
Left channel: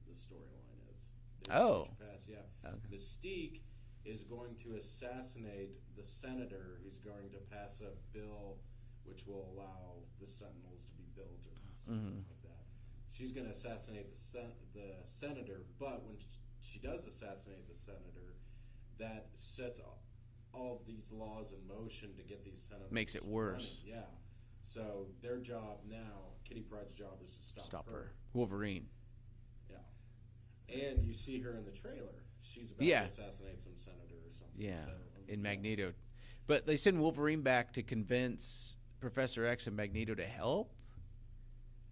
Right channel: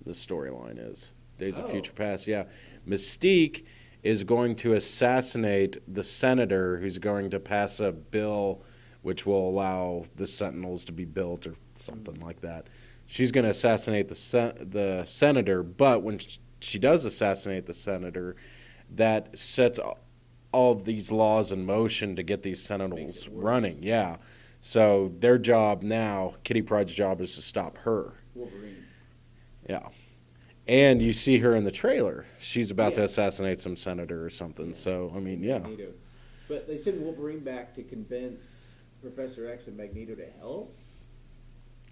The storyline is. Days of Future Past, yeah. Mystique is going to assassinate the senator who's going to pass a bill which will allow the Sentinels to be built or something like that. She's going to assassinate the senator, but when she does assassinate the senator, that sets all of these laws in motion to get these Sentinels running. Yeah. So their job now, Kitty Pryde's job, is to stop her. Wolverine. Yeah. And you see her in the trailer. She's about to assassinate some senator or something. Yeah. So, I mean, Magneto. But they send Wolverine back to convince Professor X and Magneto to help?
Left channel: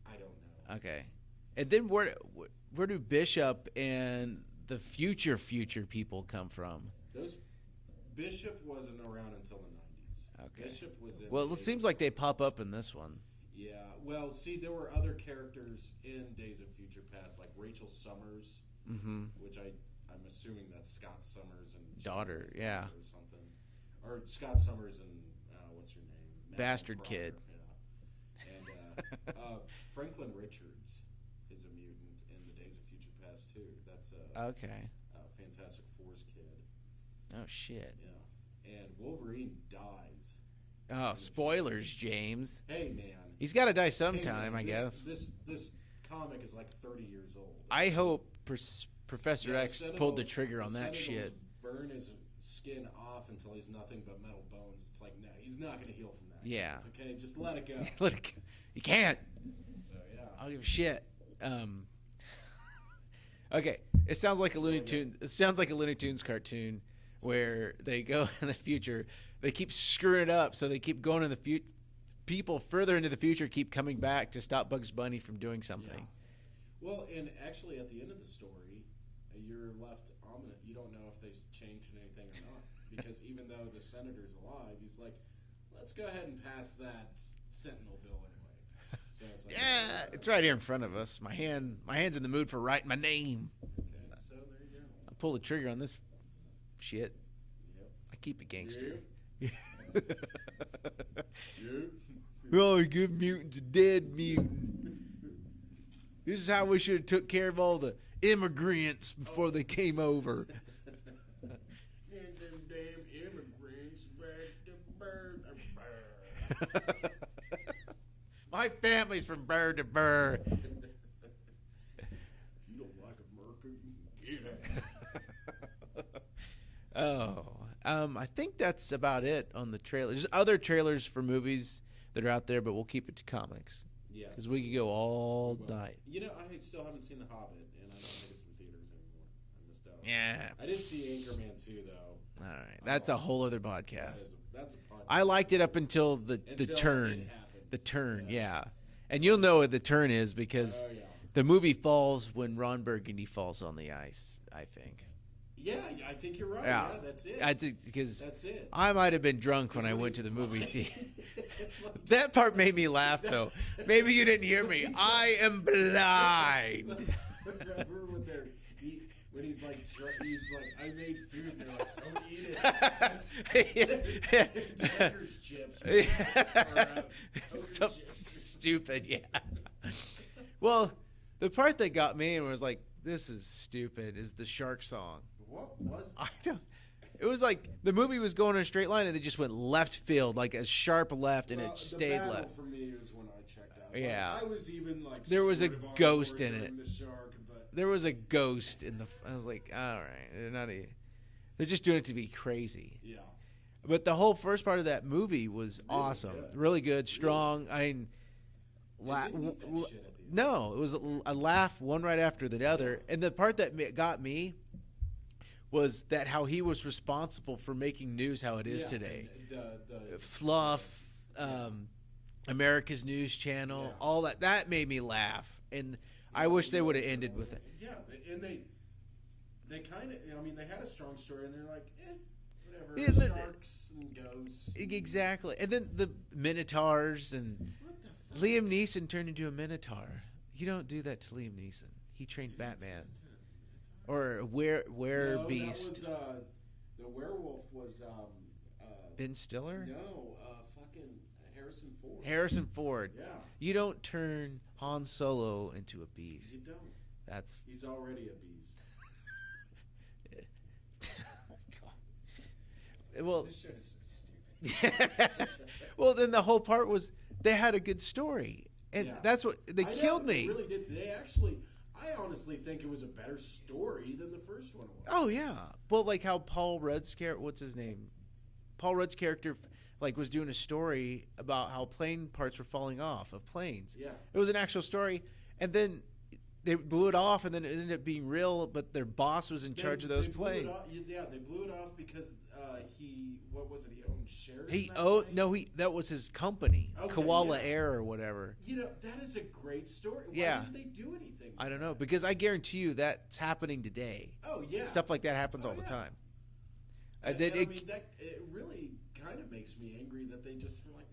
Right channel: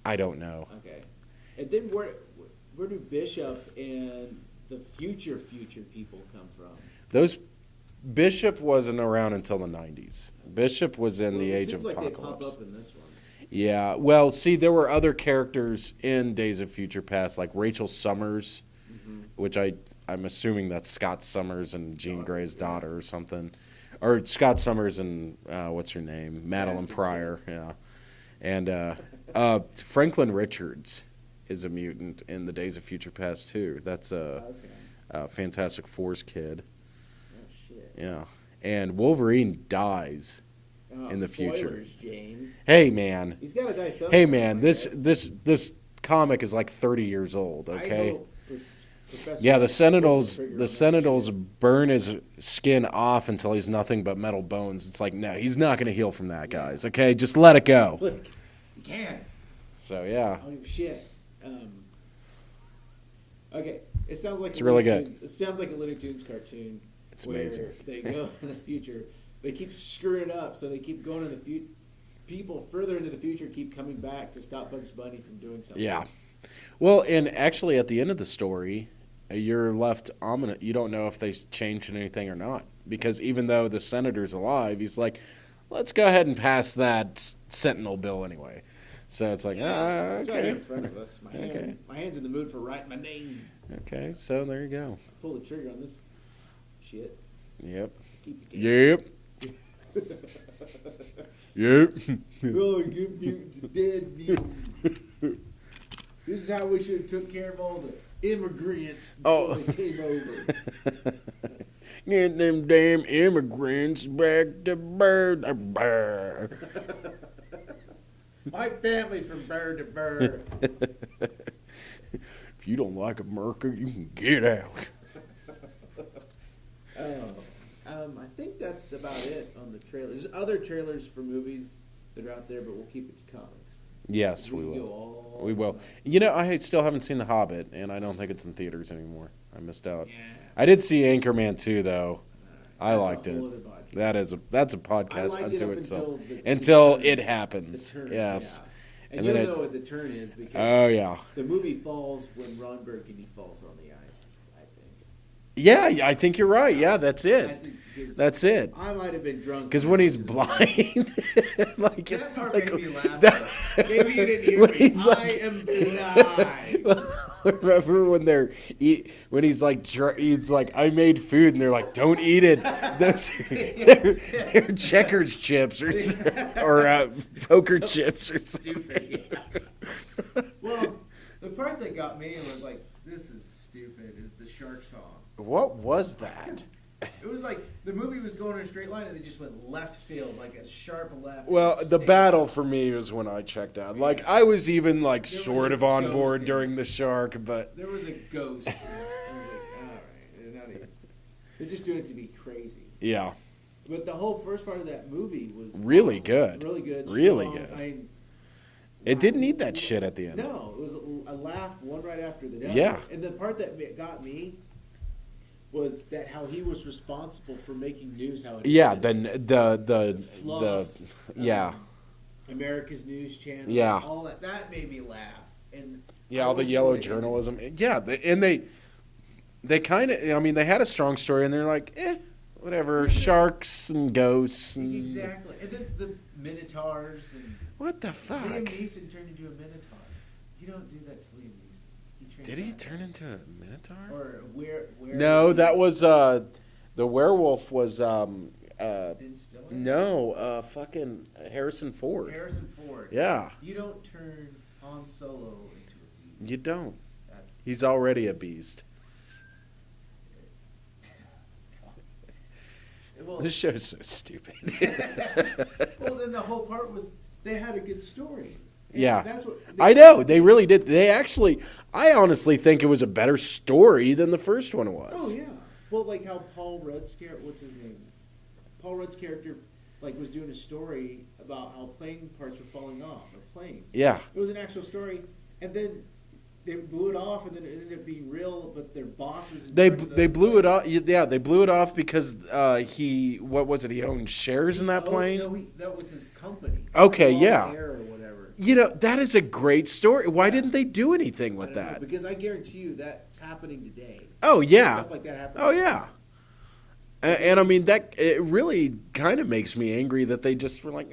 I don't know. Okay. And then where do Bishop and the future people come from? Bishop wasn't around until the 90s. Okay. Bishop was in the Age of Apocalypse. It seems like they pop up in this one. Yeah, well, see, there were other characters in Days of Future Past, like Rachel Summers, which I'm assuming that's Scott Summers and Jean Grey's daughter or something. Or Scott Summers and, what's her name? Madeline Pryor, yeah. And Franklin Richards is a mutant in the Days of Future Past, too. That's a Fantastic Four's kid. Oh, shit. Yeah. And Wolverine dies. Oh, in the spoilers, future. James. Hey, man. He's got to die sometime. Hey, man. This comic is like 30 years old. Okay? I hope Professor. Yeah, the Sentinels burn his skin off until he's nothing but metal bones. It's like, no, he's not going to heal from that, guys. Okay, just let it go. He can't. So yeah. I don't give a shit. Okay, it sounds like it's really good. It sounds like a Looney Tunes cartoon where they go in the future. They keep screwing it up, so they keep going in the future. People further into the future keep coming back to stop Bugs Bunny from doing something. Yeah. Well, and actually, at the end of the story, you're left ominous. You don't know if they changed anything or not, because even though the senator's alive, he's like, "Let's go ahead and pass that Sentinel bill anyway." So it's like, it's right here in front of us. My hand's in the mood for writing my name. Okay, so there you go. Pull the trigger on this shit. Yep. I keep it gangster. Yep. Yep. Oh, good mutants, dead mutant. This is how we should have took care of all the immigrants before they came over. Get them damn immigrants back to bird. My family's from bird to bird. If you don't like America, you can get out. I think that's about it on the trailers. There's other trailers for movies that are out there, but we'll keep it to comics. Yes, we can go all We will. night. You know, I still haven't seen The Hobbit, and I don't think it's in theaters anymore. I missed out. Yeah. I did see Anchorman 2, though. All right. I liked it. That's a whole other podcast. That's a podcast. I liked it up until until it happens. The turn, yes. yeah. And you'll know what the turn is because yeah. the movie falls when Ron Burgundy falls on the ice, I think. Yeah, I think you're right. Yeah. Yeah, that's it. That's it. I might have been drunk Because when he's blind, like that part made me laugh. That, though. Maybe you didn't hear me. I am blind. Remember when he's like I made food and they're like, don't eat it. They're checkers chips or poker chips or stupid. Yeah. Well, the part that got me and was like, this is stupid is the shark song. What was that? It was like the movie was going in a straight line and they just went left field, like a sharp left. Well, the battle for me was when I checked out. Like I was even like sort of on board during the shark, but there was a ghost. I was like, all right, they're just doing it to be crazy. Yeah. But the whole first part of that movie was really awesome. good, really good, strong. Really good. It didn't need that shit at the end. No, it was a laugh one right after the other. Yeah. And the part that got me was that how he was responsible for making news how it is. Yeah, today. the fluff. Yeah. America's News Channel. Yeah. All that made me laugh. And yeah, all the yellow journalism. Yeah, and they kind of. I mean, they had a strong story, and they're like, whatever, sharks and ghosts. Exactly, and then the Minotaurs and what the fuck? Liam Neeson turned into a Minotaur. You don't do that to Liam Neeson. He trained. Did he turn into a Minotaur? Or where? No, that was the werewolf was Ben Stiller. No, fucking Harrison Ford. Harrison Ford. Yeah. You don't turn Han Solo into a beast. You don't. That's. He's already a beast. Well, this show's so stupid. Well, then the whole part was they had a good story. And yeah, that's what I know. They really did. They actually, I honestly think it was a better story than the first one was. Oh yeah. Well, like how Paul Rudd's character, what's his name? Paul Rudd's character, like, was doing a story about how plane parts were falling off of planes. Yeah. It was an actual story, and then they blew it off, and then it ended up being real. But their boss was in charge of those They blew planes. it off. Yeah, they blew it off because what was it? He owned shares in that plane. No, that was his company. Okay, Koala yeah. Air or whatever. You know, that is a great story. Why Yeah. didn't they do anything with I don't that? know, because I guarantee you that's happening today. Oh yeah, Stuff like that happens. Oh yeah. And I mean that it really kind of makes me angry that they just were like,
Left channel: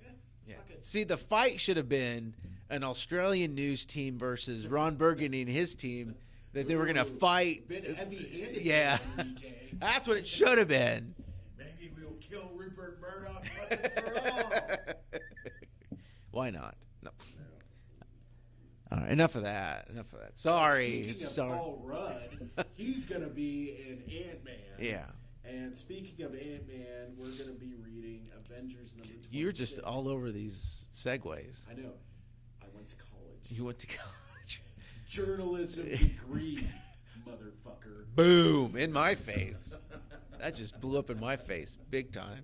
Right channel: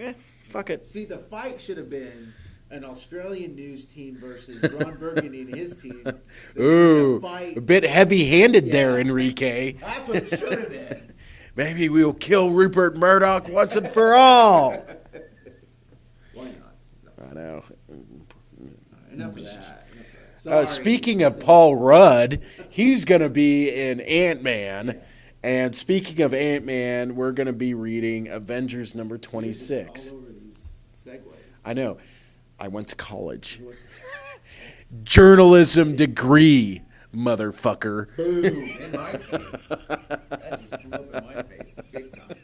fuck it. See, the fight should have been an Australian news team versus Ron Burgundy and his team. They were in a fight. A bit heavy-handed there, Enrique. That's what it should have been. Maybe we'll kill Rupert Murdoch once and for all. Why not? No. I know. All right, enough of that. Sorry. Speaking of Paul Rudd, he's going to be in Ant-Man. Yeah. And speaking of Ant-Man, we're going to be reading Avengers number 26. You're just all over these segues. I know. I went to college. You went to college. Journalism degree, motherfucker. Boom, in my face. That just blew up in my face big time.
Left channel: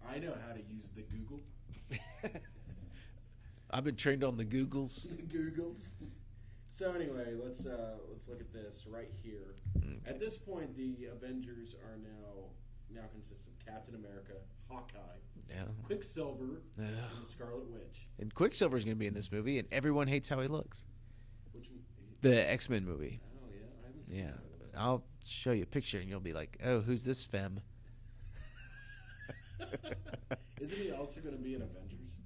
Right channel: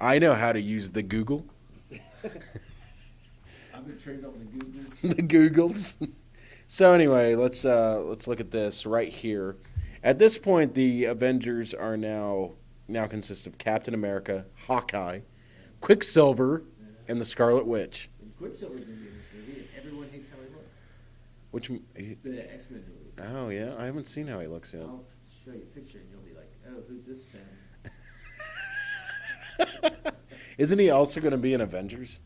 I know how to use the Google. I've been trained on the Googles. The Googles. So anyway, let's look at this right here. At this point, the Avengers are now consist of Captain America, Hawkeye, Quicksilver, and the Scarlet Witch. And Quicksilver's going to be in this movie, and everyone hates how he looks. The X-Men movie. Oh yeah, I haven't seen how he looks yet. I'll show you a picture, and you'll be like, "Oh, who's this femme?" Isn't he also going to be in Avengers?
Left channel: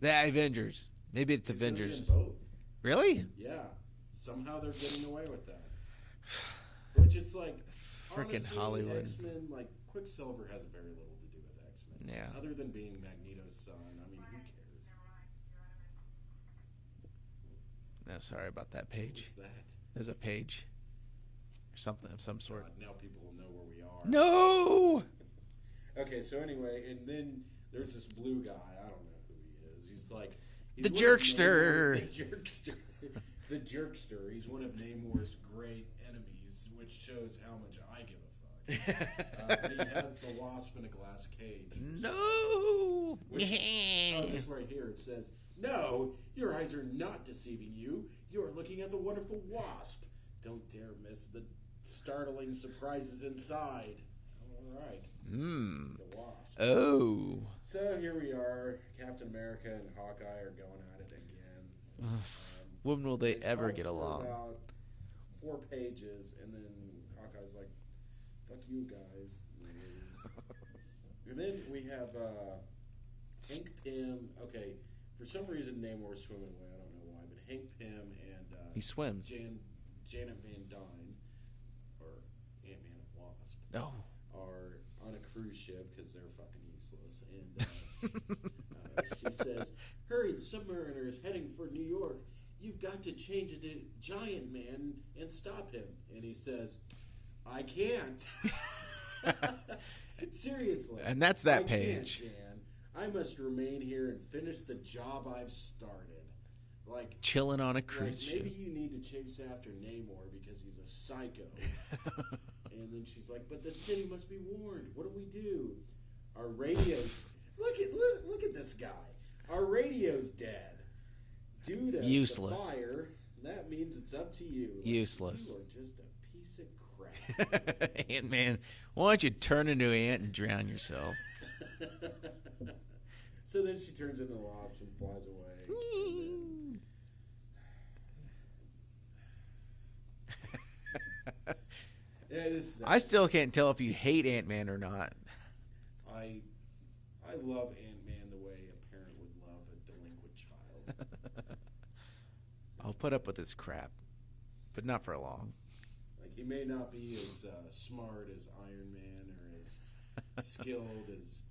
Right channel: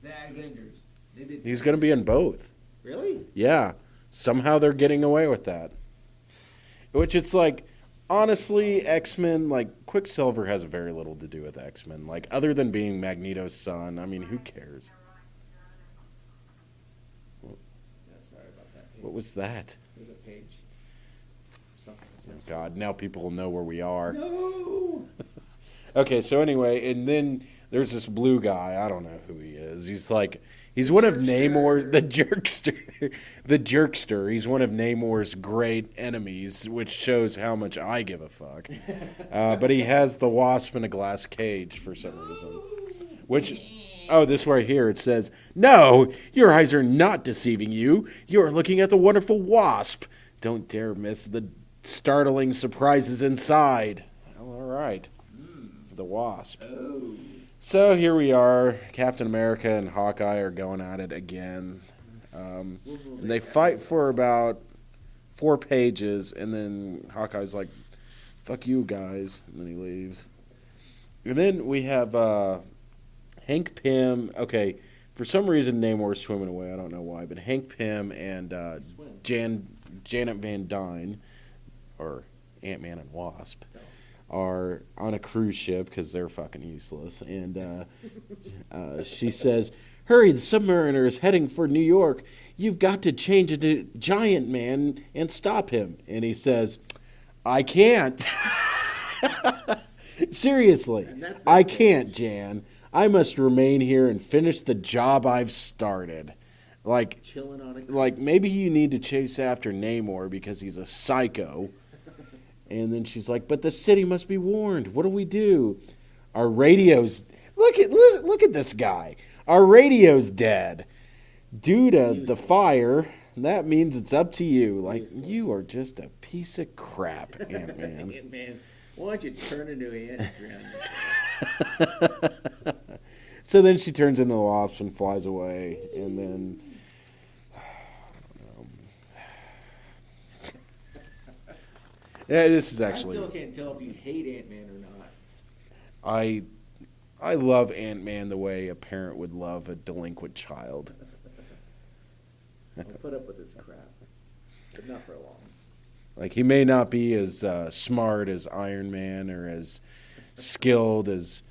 The Avengers. Maybe it's. He's going to be in both. Really? Yeah. Somehow they're getting away with that. Which it's like, honestly, X-Men, like, Quicksilver has very little to do with X-Men. Like, other than being Magneto's son, I mean, who cares? No, sorry about that page. What was that? There's a page. Something of some sort. God, now people will know where we are. No! Okay, so anyway, and then there's this blue guy. I don't know who he is. He's like... He's the one jerkster. of Namor's the jerkster. The jerkster. He's one of Namor's great enemies, which shows how much I give a fuck. But he has the Wasp in a glass cage for some reason. Which, this right here. It says, "No, your eyes are not deceiving you. You are looking at the wonderful Wasp. Don't dare miss the startling surprises inside." Well, all right. The Wasp. Oh. So here we are. Captain America and Hawkeye are going at it again. When will they ever fight get for along? about 4 pages, and then Hawkeye's like, "Fuck you guys," and then he leaves. And then we have Hank Pym. Okay, for some reason Namor's swimming away. I don't know why, but Hank Pym and He swims. Janet Van Dyne, or Ant-Man and Wasp, No. are on a cruise ship because they're fucking useless. And she says, "Hurry, the submariner is heading for New York. You've got to change into Giant Man and stop him." And he says, "I can't." Seriously. And that's that I page. can't, Jan. I must remain here and finish the job I've started. Like, Chilling on a cruise. like maybe you need to chase after Namor because he's a psycho. And then she's like, "But the city must be warned. What do we do? Our radio's look at this guy. Our radio's dead due to Useless. the fire. That means it's up to you. Like, Useless. you are just a piece of crap, Ant-Man." Ant-Man, why don't you turn into an ant and drown yourself? So then she turns into the wasp and flies away, and then yeah, this is I actually still can't tell if you hate Ant-Man or not. I love Ant-Man the way a parent would love a delinquent child. I'll put up with this crap, but not for long. Like, he may not be as smart as Iron Man or as skilled as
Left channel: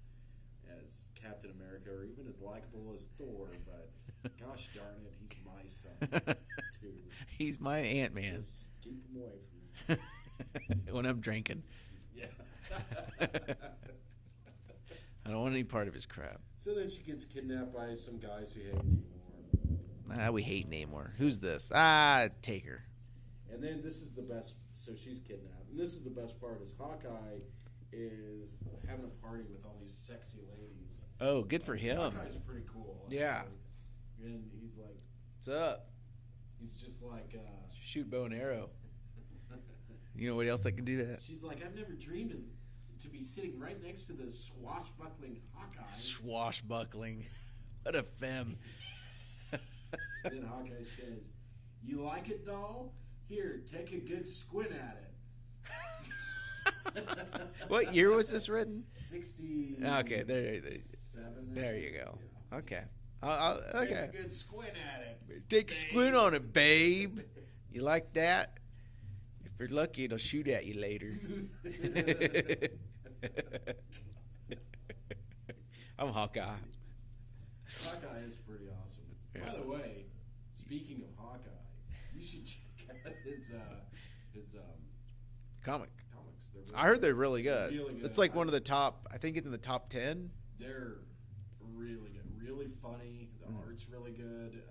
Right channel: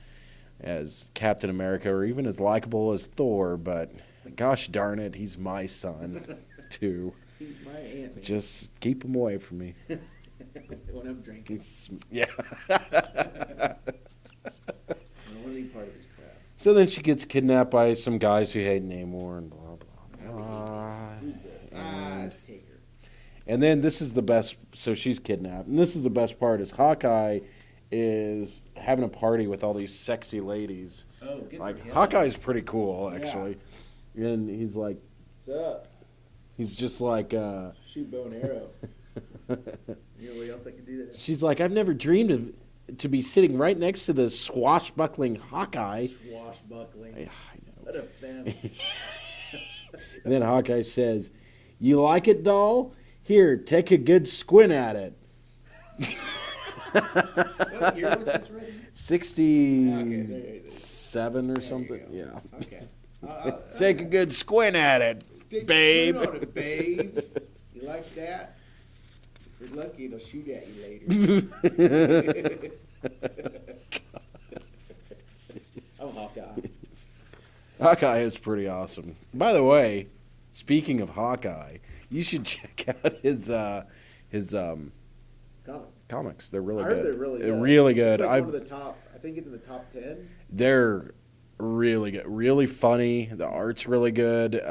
Captain America or even as likable as Thor, but gosh darn it, he's my son too. He's my Ant-Man. Just keep him away from me. When I'm drinking, Yeah. I don't want any part of his crap. So then she gets kidnapped by some guys who hate Namor and blah, blah. We hate Namor. Who's this? Take her. And then this is the best. So she's kidnapped, and this is the best part: is Hawkeye is having a party with all these sexy ladies. Oh, good for Like, him. Hawkeye's pretty cool, Yeah. actually. And he's like, What's up? he's just like, Shoot bow and arrow. You know anybody else that can do that? she's like, "I've never dreamed of to be sitting right next to this swashbuckling Hawkeye." Swashbuckling. Yeah, I know. What a femme. And then Hawkeye says, "You like it, doll? Here, take a good squint at it." What year was this written? 67 there or you something. go. Yeah. Okay. Take a good squint at it, Take babe. a squint on it, babe. You like that? If you're lucky, it'll shoot at you later. I'm Hawkeye. Hawkeye is pretty awesome. By the way, speaking of Hawkeye, you should check out his Comic. comics. They're really I good. heard they're really good. They're really good. It's like one of the top. I think it's in the top 10. They're really good. Really funny. The art's really good.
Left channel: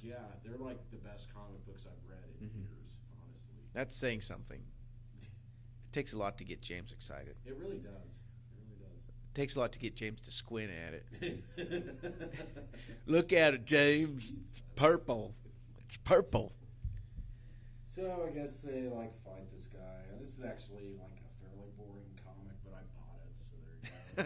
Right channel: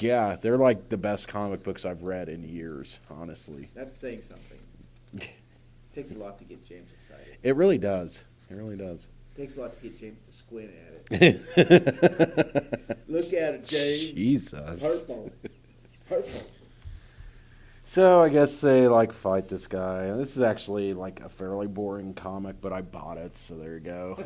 Yeah, they're like the best comic books I've read in years, honestly. That's saying something. Takes a lot to get James excited. It really does. It really does. Takes a lot to get James to squint at it. Look at it, James. Jesus. Purple. It's purple. So I guess they like fight this guy. This is actually like a fairly boring comic, but I bought it, so there you go.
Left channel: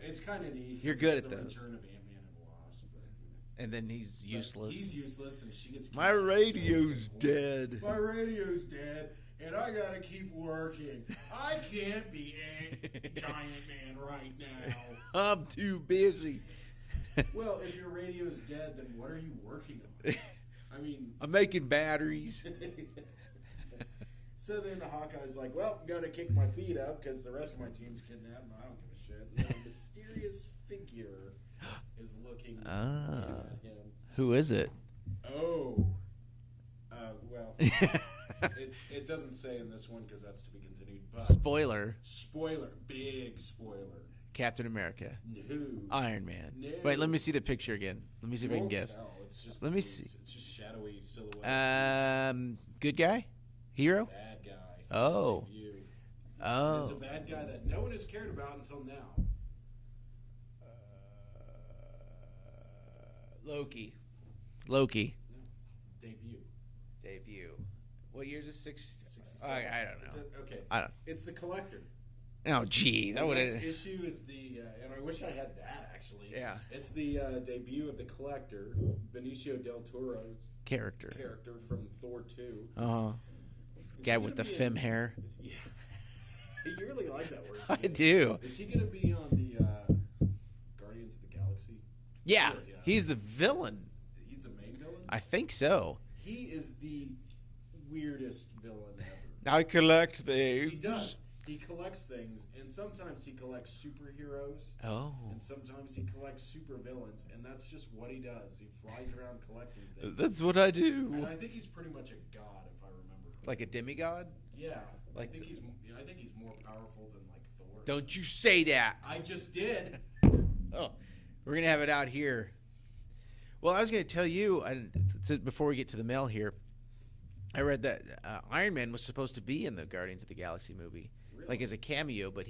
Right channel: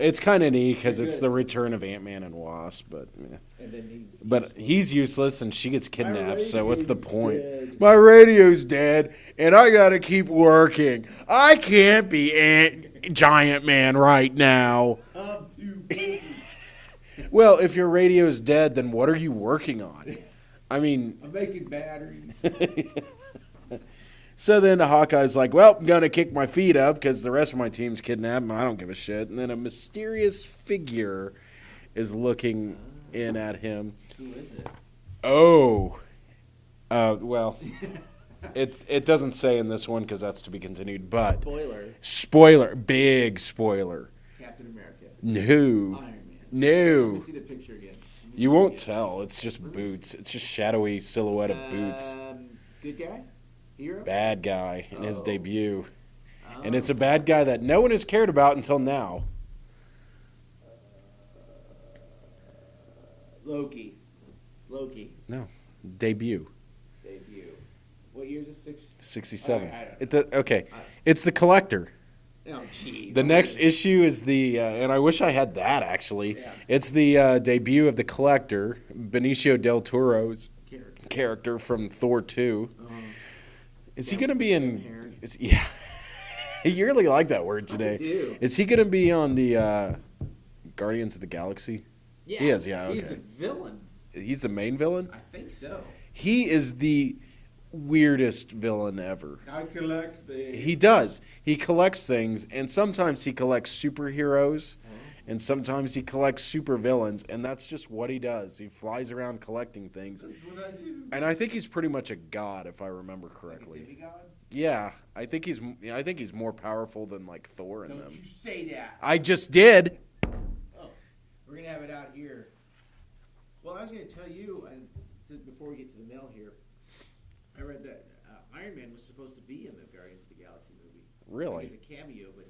It's kind of neat because You're it's good. the return of Ant-Man and Wasp, but yeah. And then he's But useless. he's useless and she gets My kidnapped. So what's the radio's point? dead. My radio's dead, and I gotta keep working. I can't be Giant Man right now. I'm too busy. Well, if your radio's dead, then what are you working on? I mean, I'm making batteries. so then the Hawkeye's like, "Well, I'm gonna kick my feet up because the rest of my team's kidnapped, and I don't give a shit." And then a mysterious figure is looking in at him. Who is it? Oh, well, it doesn't say in this one because that's to be continued. But Spoiler. Big spoiler. Captain America. No, Iron Man. No. Wait, let me see the picture again. Let me see you what won't guess. tell. It's just Let me boots. see. It's just shadowy silhouette of boots. Good guy? Hero? Bad guy in his Oh. debut. Oh. And it's a bad guy that no one has cared about until now. Loki. No. Debut. Debut. What year is it? 67. I don't know. Okay. I don't- It's the Collector. Oh, geez. The next issue is the, and I wish I had that actually. Yeah. It's the debut of the Collector, Benicio del Toro's character from Thor 2. Is he going to be in? Hair? Yeah. You really like that word today. I do. Is he going to be on the Guardians of the Galaxy? Yeah. He is, yeah. He's okay. the villain. He's the main villain? I think so. He is the weirdest villain ever. I collect things. He does. He collects things, and sometimes he collects superheroes, and sometimes he collects supervillains, and that's just what he does. He flies around collecting things. That's what I do. And I think he's pretty much a god, if I remember correctly. Like a demigod? Yeah, I think he's more powerful than like Thor. Don't you say that? I just did. Oh, we're gonna have it out here. Well, I was gonna tell you before we get to the mail here. I read that Iron Man was supposed to be in the Guardians of the Galaxy movie, really, like as a cameo, but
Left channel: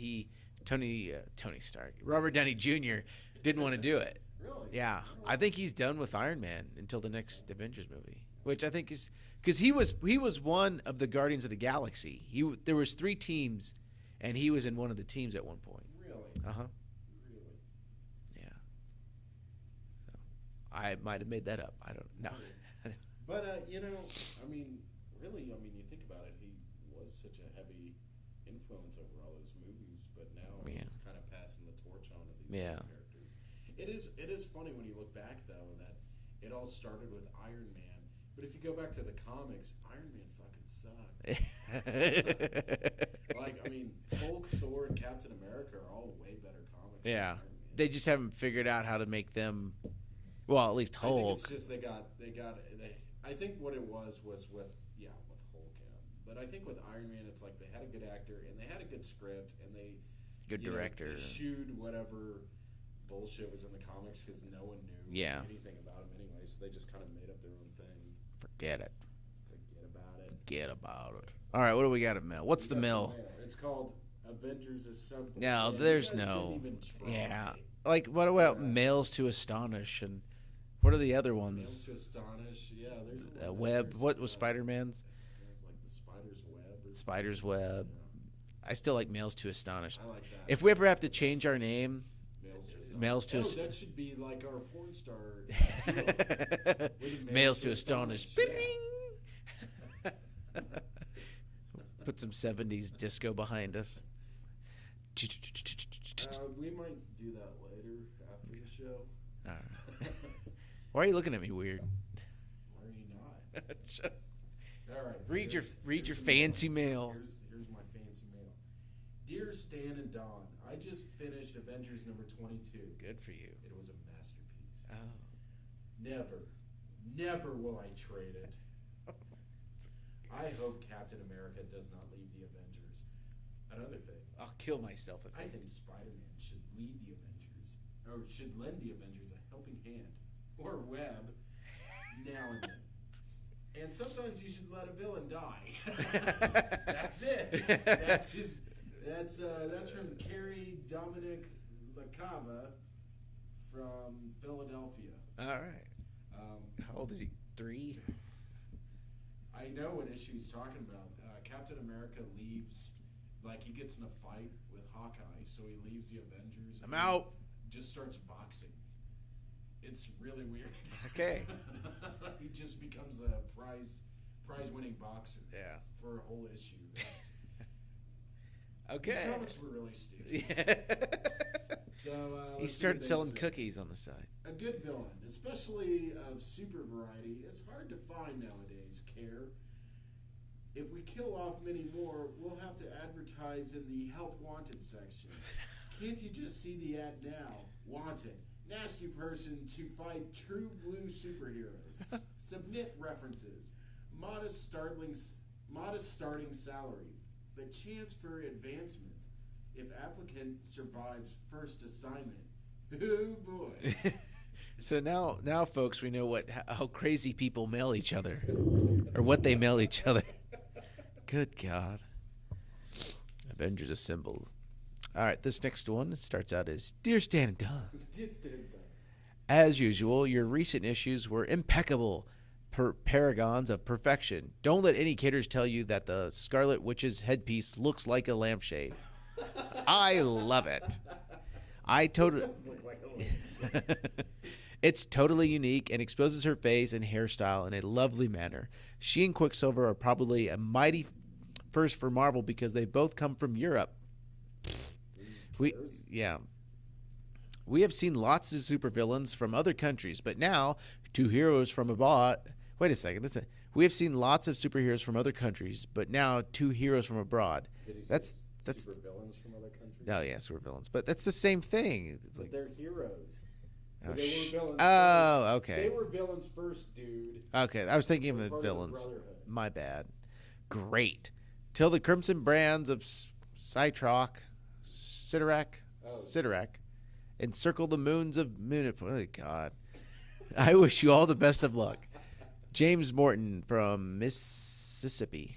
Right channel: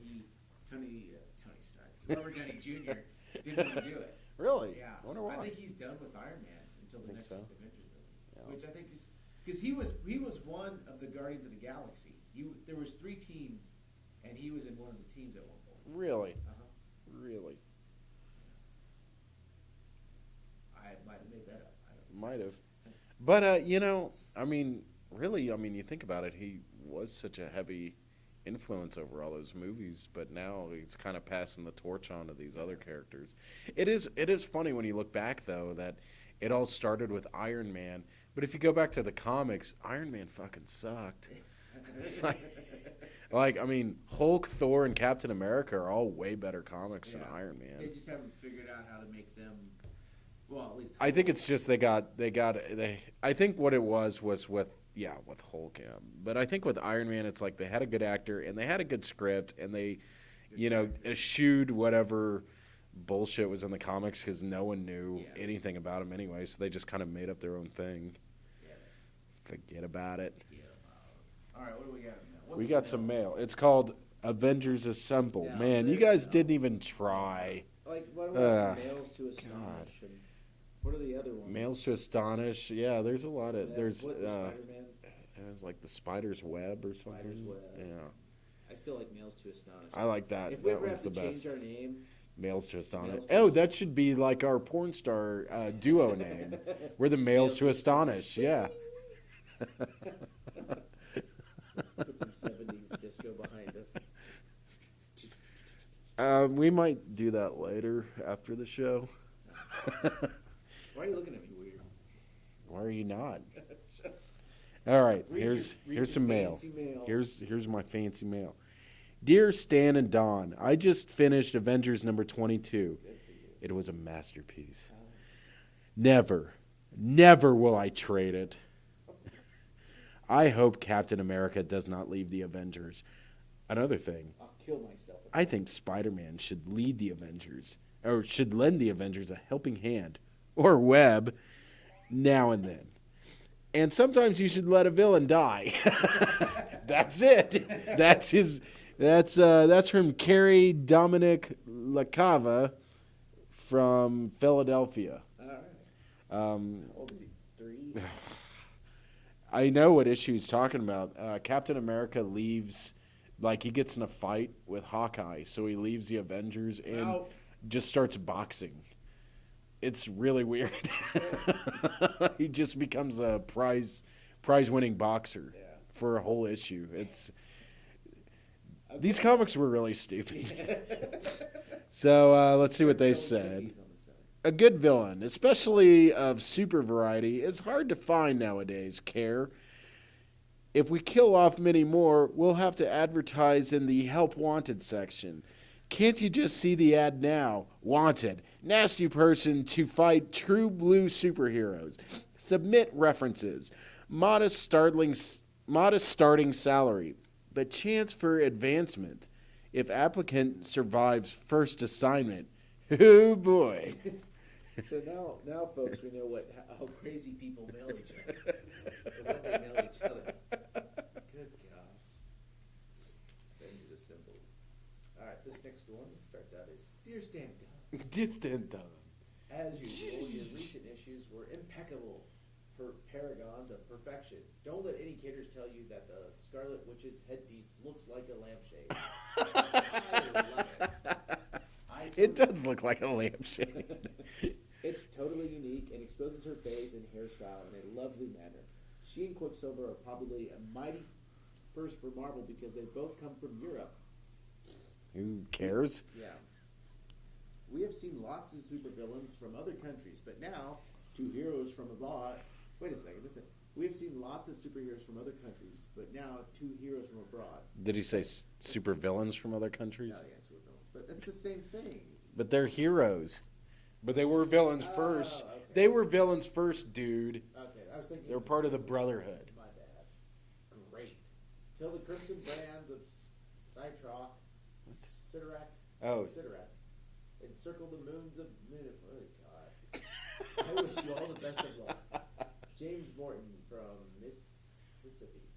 Tony Stark, Robert Downey Jr. didn't want to do it. Really? Yeah, I think he's done with Iron Man until the next Avengers movie, which I think is because he was one of the Guardians of the Galaxy. There was 3 teams, and he was in one of the teams at one point. Really? Really? Yeah. So, I might have made that up. I don't know. Might have. But you think about it, he was such a heavy influence over all those movies, but now he's kind of passing the torch on to these other characters. It is funny when you look back, though, that it all started with Iron Man, but if you go back to the comics, Iron Man fucking sucked. Hulk, Thor, and Captain America are all way better comics than Iron Man. They just haven't figured out how to make them, well, at least Hulk. I think it's just I think what it was with Hulk. But I think with Iron Man, it's like they had a good actor and they had a good script and they, eschewed whatever bullshit was in the comics because no one knew anything about him anyway. So they just kind of made up their own thing. Forget it. Forget about it. All right, what do we got at mail? What's the mail? We got some mail. It's called Avengers Assemble. No, man, you guys didn't even try. Yeah. Like, what about Mails to Astonish and what are the other ones? Mails to Astonish. Yeah, there's a lot of web. What was Spider-Man's? It was like the Spider's Web or Spider's Web. Yeah. I still like Mails to Astonish. I like that. If we ever have to change our name, Mails to Astonish. That should be like our porn star duo name. We're the Mails to Astonish. Yeah. Put some 70s disco behind us. We might do that later after the show. Why are you looking at me weird? Why are you not? All right. Read your some fancy mail. Here's my fancy mail. Dear Stan and Don, I just finished Avengers number 22. Good for you. It was a masterpiece. Never will I trade it. I hope Captain America does not leave the Avengers. Another thing. I'll kill myself. I think Spider-Man should lead the Avengers, or should lend the Avengers a helping hand, or web, now and then. And sometimes you should let a villain die. That's it. That's from Carrie Dominic LaCava from Philadelphia. All right. How old is he? 3? I know what issue he's talking about. Captain America leaves, like he gets in a fight with Hawkeye, so he leaves the Avengers and just starts boxing. It's really weird. He just becomes a prize-winning boxer for a whole issue. It's these comics were really stupid. So let's see what they say. Cookies on the side. A good villain, especially of super variety, is hard to find nowadays, Care. If we kill off many more, we'll have to advertise in the Help Wanted section. Can't you just see the ad now? Wanted. Nasty person to fight true blue superheroes. Submit references. Modest starting salary, but chance for advancement if applicant survives first assignment. Oh boy. So now, folks, we know how crazy people mail each other, or what they mail each other. Good God. Avengers Assemble. All right, this next one starts out as Dear Stan and Don. Dear Stan and Don. As usual, your recent issues were impeccable, paragons of perfection. Don't let any kidders tell you that the Scarlet Witch's headpiece looks like a lampshade. I love it. It does look like a lampshade. It's totally unique and exposes her face and hairstyle in a lovely manner. She and Quicksilver are probably a mighty first for Marvel because they both come from Europe. Who cares? We have seen lots of supervillains from other countries, but now two heroes from abroad. Wait a second. Listen. We have seen lots of superheroes from other countries, but now two heroes from abroad. Did he say super villains from other countries? No, yeah, super villains. But that's the same thing. But they're heroes. But they were villains first. Oh, okay. They were villains first, dude. Okay, I was thinking of the part villains. of the Brotherhood. My bad. Great. Till the crimson brands of Sidorak, encircle the moons of Moon. Oh, God. I wish you all the best of luck. James Morton from Mississippi.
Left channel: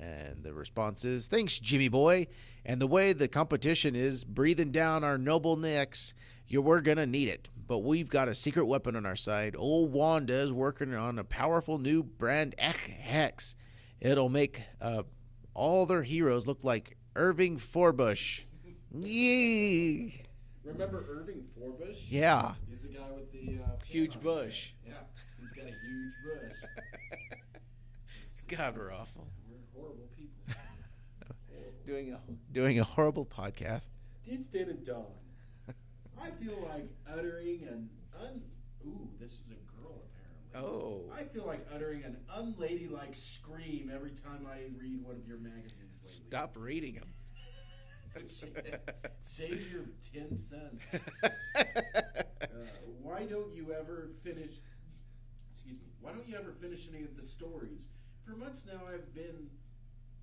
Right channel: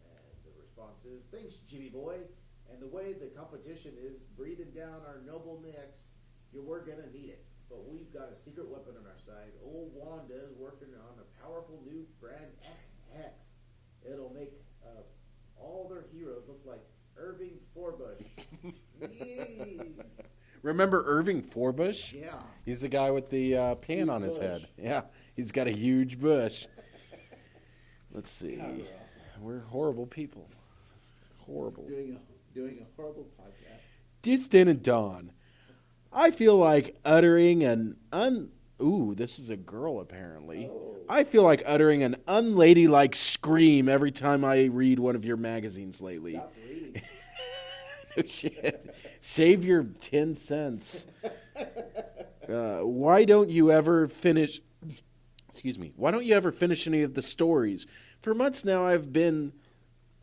And the response is, thanks, Jimmy boy. And the way the competition is breathing down our noble necks, we're going to need it. But we've got a secret weapon on our side. Old Wanda's working on a powerful new brand Hex. It'll make all their heroes look like Irving Forbush. Yee. Remember Irving Forbush? Yeah. He's the guy with the pan Huge on his bush. head. Yeah, he's got a huge bush. Let's see. God, we're awful. We're horrible people. Horrible. Doing a horrible podcast. Distant and Dawn. I feel like uttering an Ooh, this is a girl apparently. Oh. I feel like uttering an unladylike scream every time I read one of your magazines lately. Stop reading. No shit. Save your 10 cents. Why don't you ever finish? Excuse me. Why don't you ever finish any of the stories? For months now, I have been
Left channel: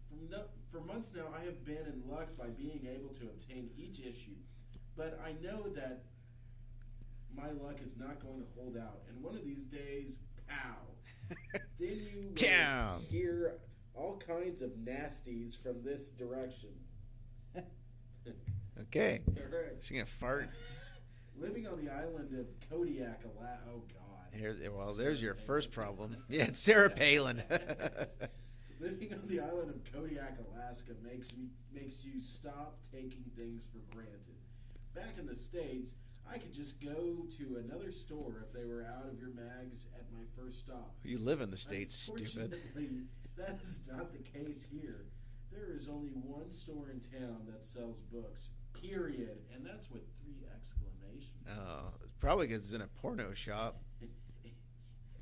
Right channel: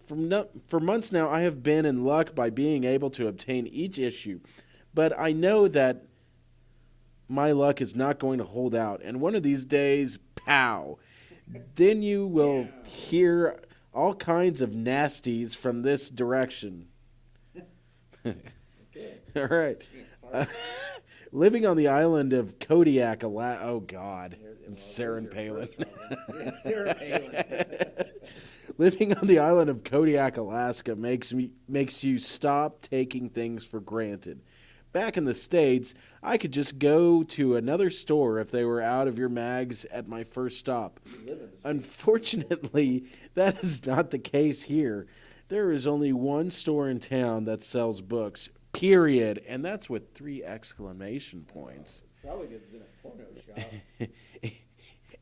in luck by being able to obtain each issue, but I know that my luck is not going to hold out. And one of these days, pow! Then you will hear all kinds of nasties from this direction. Okay. All right. She gonna fart. Living on the island of Kodiak, Alaska. Oh, God. There's your first problem. Yeah, it's Sarah Palin. Living on the island of Kodiak, Alaska makes you stop taking things for granted. Back in the States, I could just go to another store if they were out of your mags at my first stop. You live in the States. Unfortunately, that is not the case here. There is only one store in town that sells books, period. And that's with 3 exclamation points. It's probably because it's in a porno shop.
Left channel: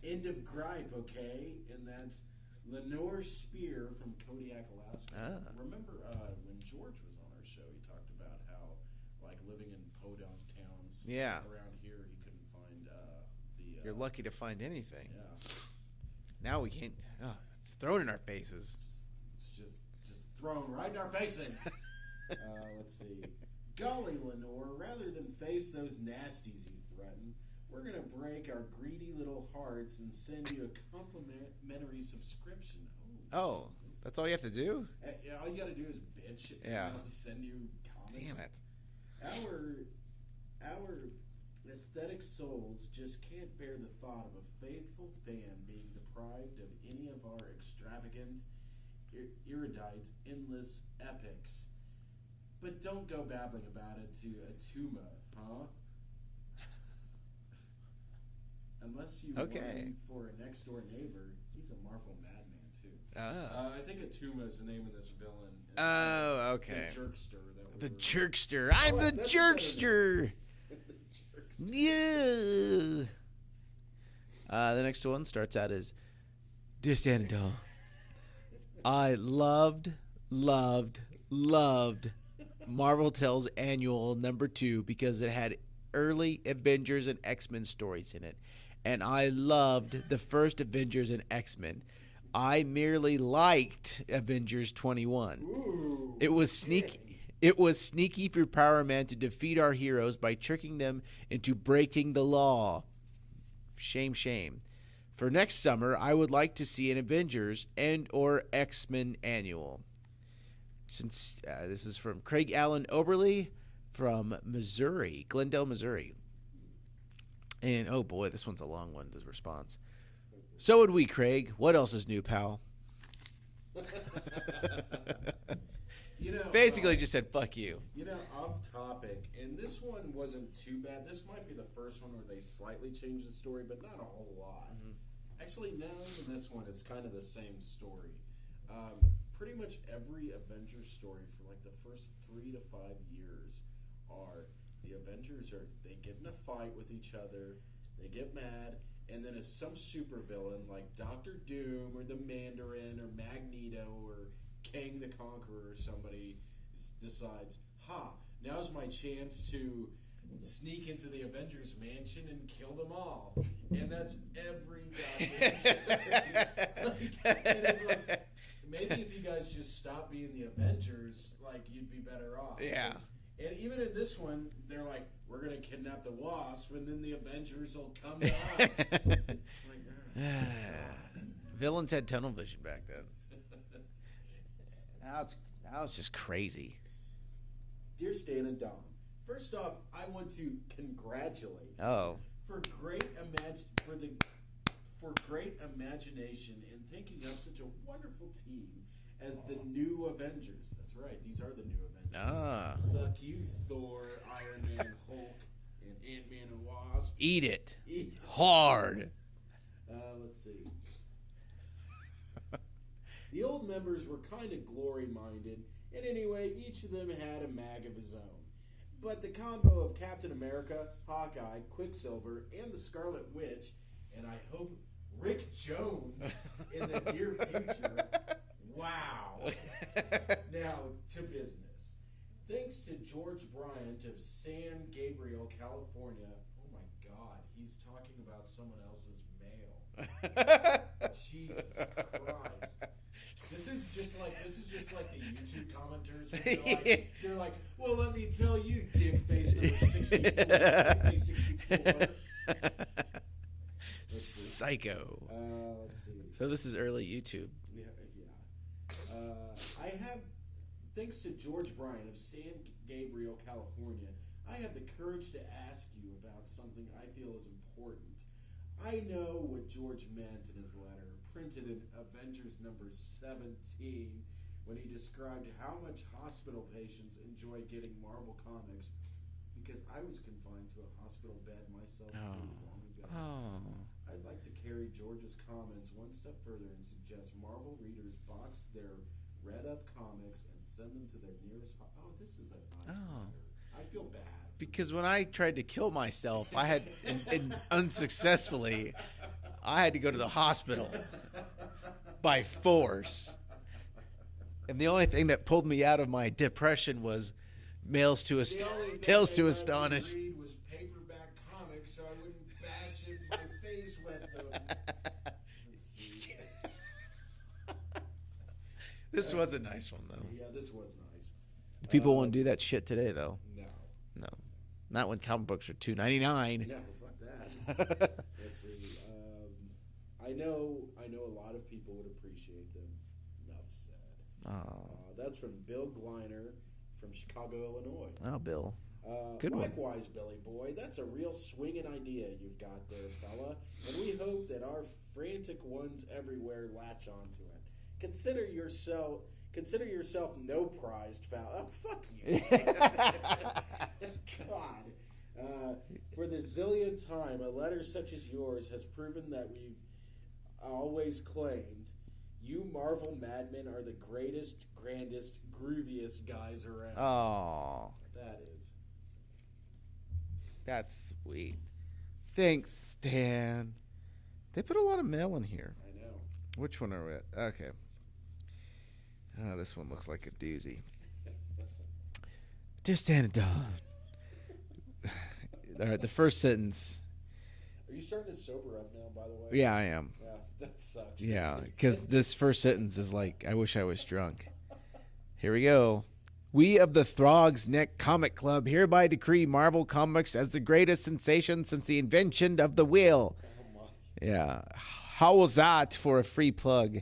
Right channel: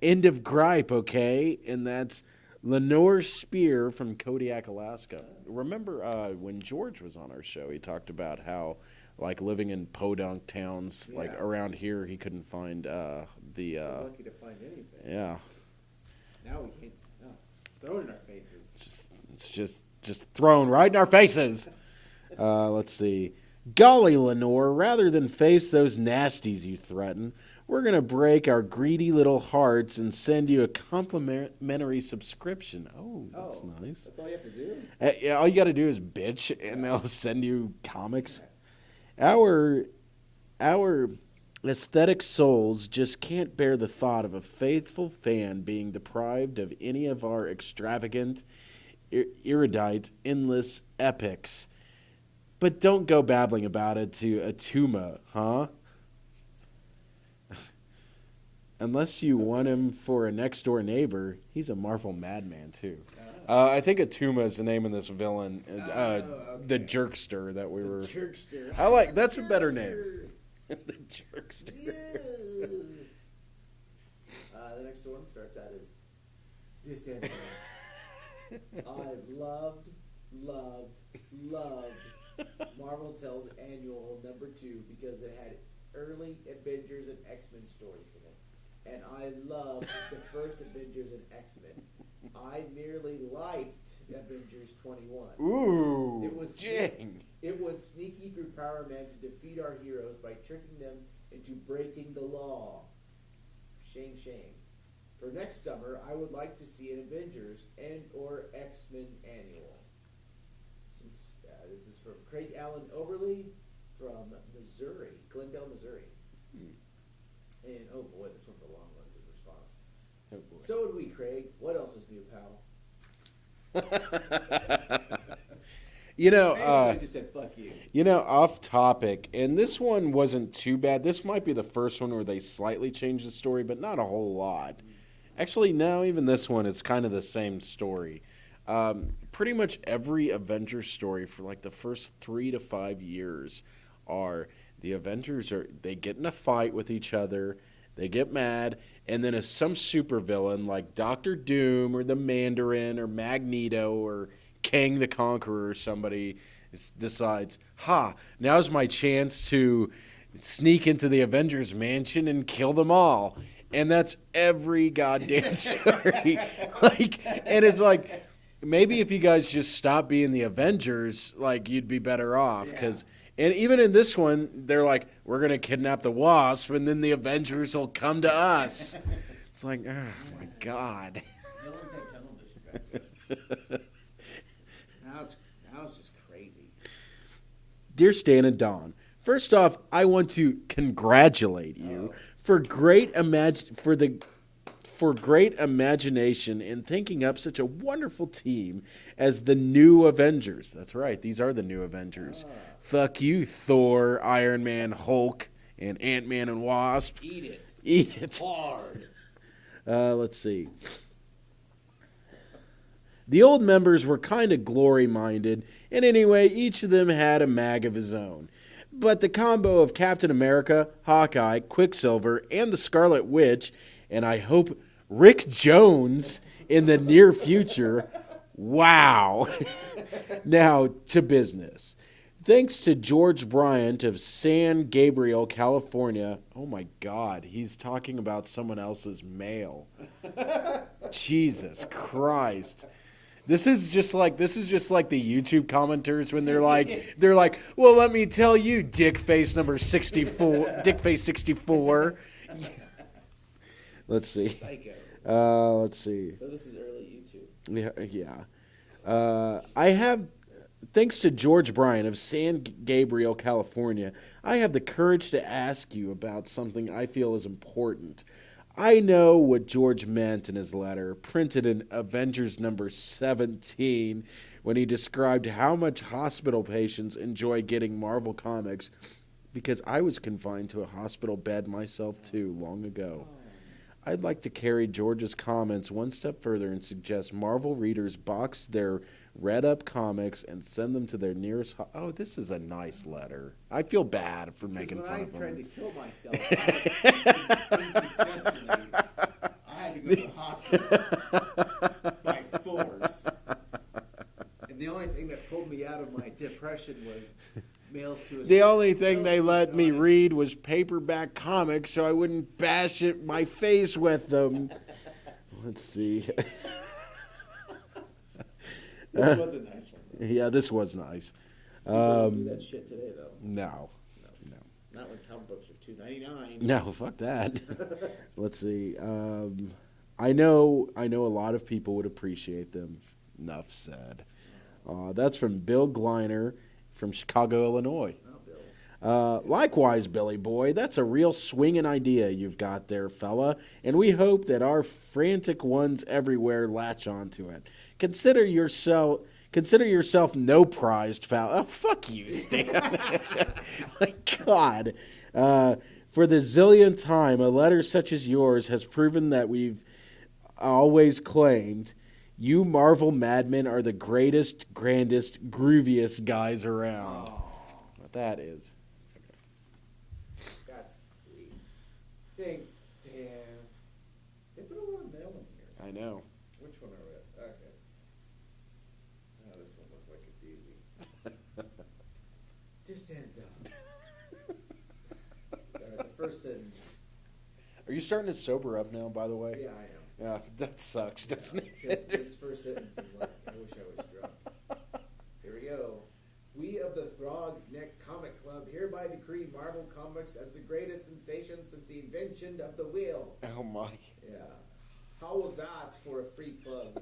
End of gripe, okay? And that's Lenore Spear from Kodiak, Alaska. Remember when George was on our show, he talked about how, like, living in podunk towns, like around here, he couldn't find You're lucky to find anything. Yeah. Now we can't. It's thrown in our faces. It's just thrown right in our faces. Let's see. Golly, Lenore, rather than face those nasties you threaten, we're going to break our greedy little hearts and send you a complimentary subscription. Oh, that's nice. That's all you have to do? Yeah, all you got to do is bitch, and they'll send you comics. Our aesthetic souls just can't bear the thought of a faithful fan being deprived of any of our extravagant, erudite, endless epics. But don't go babbling about it to Atuma, huh? Unless you want him for a next-door neighbor, he's a Marvel madman, too. I think Atuma is the name of this villain. The Jerkster that we were... The Jerkster. That's a better name. The Jerkster. Yeah. The next one starts out as Distant and Dawn. I loved Marvel Tales Annual #2 because it had early Avengers and X-Men stories in it. And I loved the first Avengers and X-Men. I merely liked Avengers 21. Ooh. It was sneaky. It was sneaky for Power Man to defeat our heroes by tricking them into breaking the law. Shame, shame. For next summer, I would like to see an Avengers and or X-Men annual. Since this is from Craig Allen Oberly from Missouri, Glendale, Missouri. And, oh boy, this one's a long one, the response. So would we, Craig. What else is new, pal? Basically just said, fuck you. Off topic, and this one wasn't too bad. This might be the first one where they slightly changed the story, but not a whole lot. Actually, no, even this one is kind of the same story. Pretty much every Avengers story for like the first 3 to 5 years are the Avengers they get in a fight with each other, they get mad, and then some supervillain like Doctor Doom or the Mandarin or Magneto or Kang the Conqueror or somebody decides, now's my chance to sneak into the Avengers mansion and kill them all. And that's every goddamn story. And it's like, maybe if you guys just stop being the Avengers, like, you'd be better off. And even in this one, they're like, we're going to kidnap the Wasp, and then the Avengers will come to us. It's like, oh, God. Villains had tunnel vision back then. Now it's just crazy. Dear Stan and Don, first off, I want to congratulate you for great imagination in thinking up such a wonderful team as the new Avengers. That's right, these are the new Avengers. Fuck you, Thor, Iron Man, Hulk, and Ant-Man and Wasp. Eat it. Eat it. Hard. Let's see. The old members were kind of glory-minded, and anyway, each of them had a mag of his own. But the combo of Captain America, Hawkeye, Quicksilver, and the Scarlet Witch, and I hope Rick Jones in the near future, wow. Now, to business. Thanks to George Bryant of San Gabriel, California. Oh, my God. He's talking about someone else's mail. Jesus Christ. This is just like the YouTube commenters when they're like, well, let me tell you, Dickface number 64, Dickface 64. Let's see. Psycho. Let's see. So this is early YouTube. Yeah. I have, thanks to George Bryan of San Gabriel, California, I have the courage to ask you about something I feel is important. I know what George meant in his letter, printed in Avengers number 17, when he described how much hospital patients enjoy getting Marvel comics, because I was confined to a hospital bed myself, too, long ago. I'd like to carry George's comments one step further and suggest Marvel readers box their read-up comics and send them to their nearest... this is a nice letter. I feel bad for making Because when fun I of tried him. to kill myself, unsuccessfully, I had to go to the hospital by force. And the only thing that pulled me out of my depression was mails to The only thing they let me Astonish. read was paperback comics so I wouldn't bash my face with them. Let's see. This was a nice one, though. Yeah, this was nice. People won't do that shit today, though. No. Not when comic books are $2.99. No, fuck that. Let's see. I know a lot of people would appreciate them. Enough said. That's from Bill Gliner from Chicago, Illinois. Oh, Bill. Likewise, Billy boy, that's a real swinging idea you've got there, fella, and we hope that our frantic ones everywhere latch onto it. Consider yourself no prized foul. Oh, fuck you, Stan. My God. For the zillionth time, a letter such as yours has proven that we've always claimed you Marvel madmen are the greatest, grandest, grooviest guys around. Oh, What that is. that's sweet. Thanks, Stan. They put a lot of mail in here. I know. Which one are we at? Okay. Oh, this one looks like a doozy. Dear Stan and Don. All right, the first sentence. Are you starting to sober up now, by the way? Yeah, I am. Yeah, that sucks. Yeah, doesn't it? because this first sentence is like, I wish I was drunk. Here we go. We of the Throg's Neck Comic Club hereby decree Marvel Comics as the greatest sensation since the invention of the wheel. Oh, my. Yeah. How was that for a free plug?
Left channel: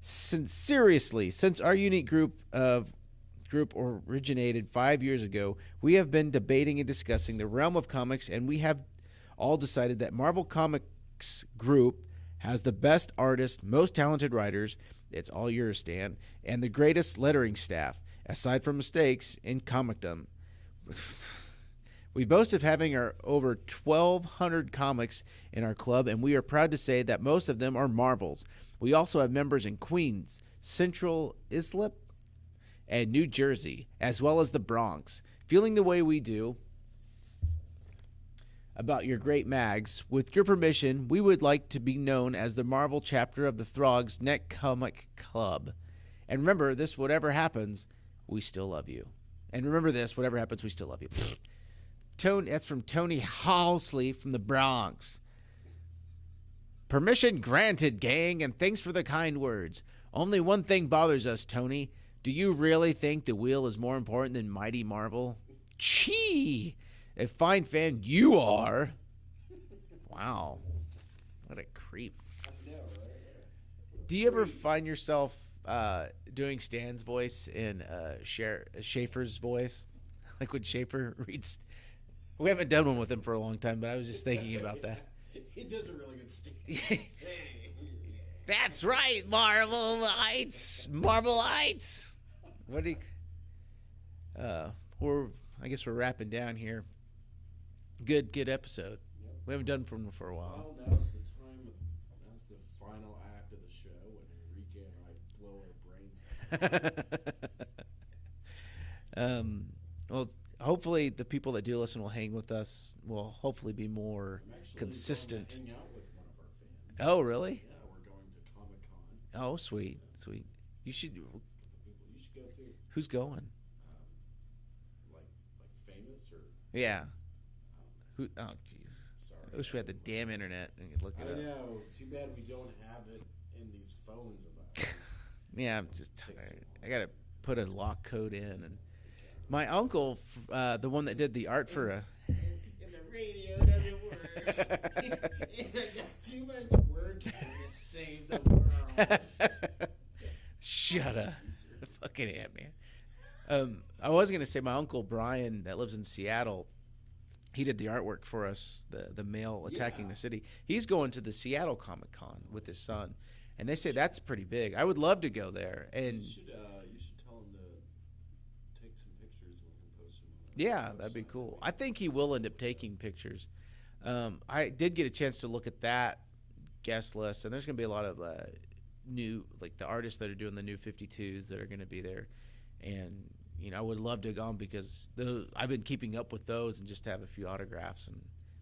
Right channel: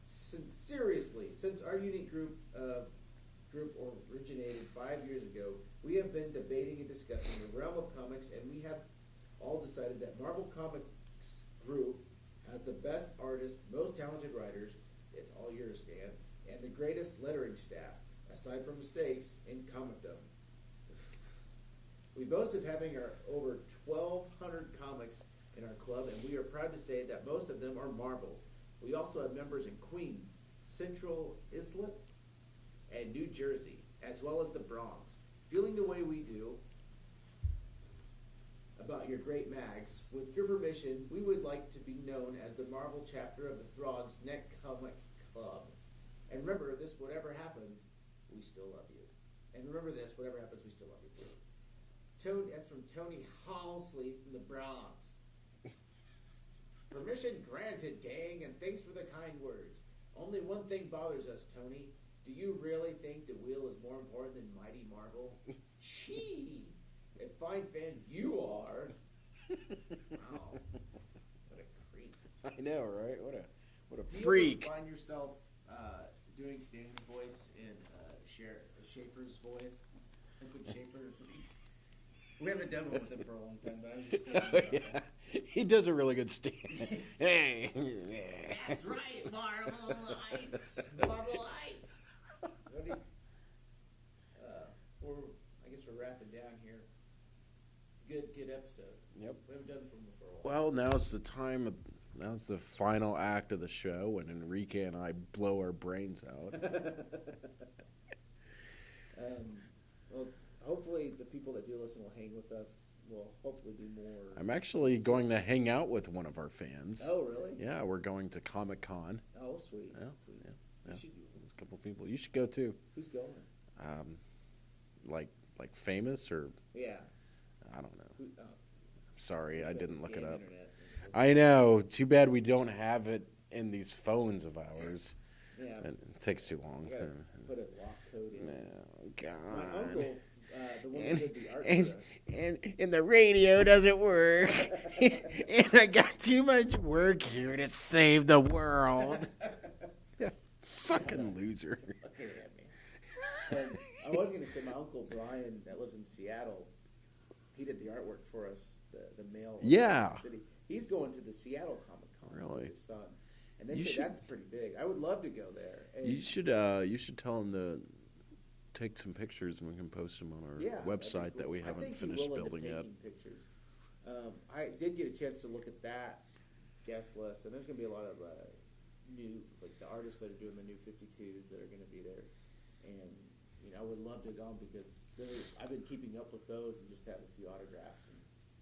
Seriously, since our unique group originated 5 years ago, we have been debating and discussing the realm of comics, and we have all decided that Marvel Comics Group has the best artists, most talented writers, it's all yours, Stan, and the greatest lettering staff. aside from mistakes, in comicdom. We boast of having our over 1,200 comics in our club, and we are proud to say that most of them are Marvels. We also have members in Queens, Central Islip, and New Jersey, as well as the Bronx. Feeling the way we do about your great mags, with your permission, we would like to be known as the Marvel chapter of the Throg's Net Comic Club. And remember this, whatever happens, we still love you. And remember this, whatever happens, we still love you. Tony, that's from Tony Halsley from the Bronx. Permission granted, gang, and thanks for the kind words. Only one thing bothers us, Tony. Do you really think the wheel is more important than Mighty Marvel? Chee! A fine fan you are. Wow. What a creep. I know, right? What a Do you freak. ever find yourself doing Stan's voice in Schaefer's voice? Like when Schaefer reads... We haven't done one with him for a long time, but I was just thinking about that. He does a really good Stan. That's right, Marvelites. Marvelites. What do you... I guess we're wrapping down here. Good episode. Yep. We haven't done one for a while. Well, now's the time. Now's the final act of the show when Enrique and I blow our brains out. Well, hopefully the people that do listen will hang with us. Will hopefully be more. I'm actually consistent. going to hang out with one of our fans. Oh, really? Yeah, we're going to Comic-Con. Oh, sweet, Yeah. sweet. Yeah. You should. There's a couple people. You should go too. Who's going? Like famous or Yeah. I don't know. Who? Oh, jeez. Sorry, Wish I we had didn't the look damn it up. internet. I know. Too bad we don't have it in these phones of ours. Yeah, It just takes too long. I gotta put a lock code in. Oh, God. My uncle, the one that did the art for and the radio doesn't work. And I got too much work here to save the world. Shut Fucking up, loser. fucking at me. I was gonna say my uncle Brian that lives in Seattle. He did the artwork for us, the male attacking Yeah. the city. He's going to the Seattle Comic Con with Really? his son, and they You say should- that's pretty big. I would love to go there. And You should tell him to take some pictures and we can post them on our yeah, website. that'd be cool. That we I haven't think he finished will end up building yet. taking pictures. I did get a chance to look at that guest list, and there's going to be a lot of new, like the artists that are doing the new 52s that are going to be there. And, you know, I would love to have gone because I've been keeping up with those and just have a few autographs and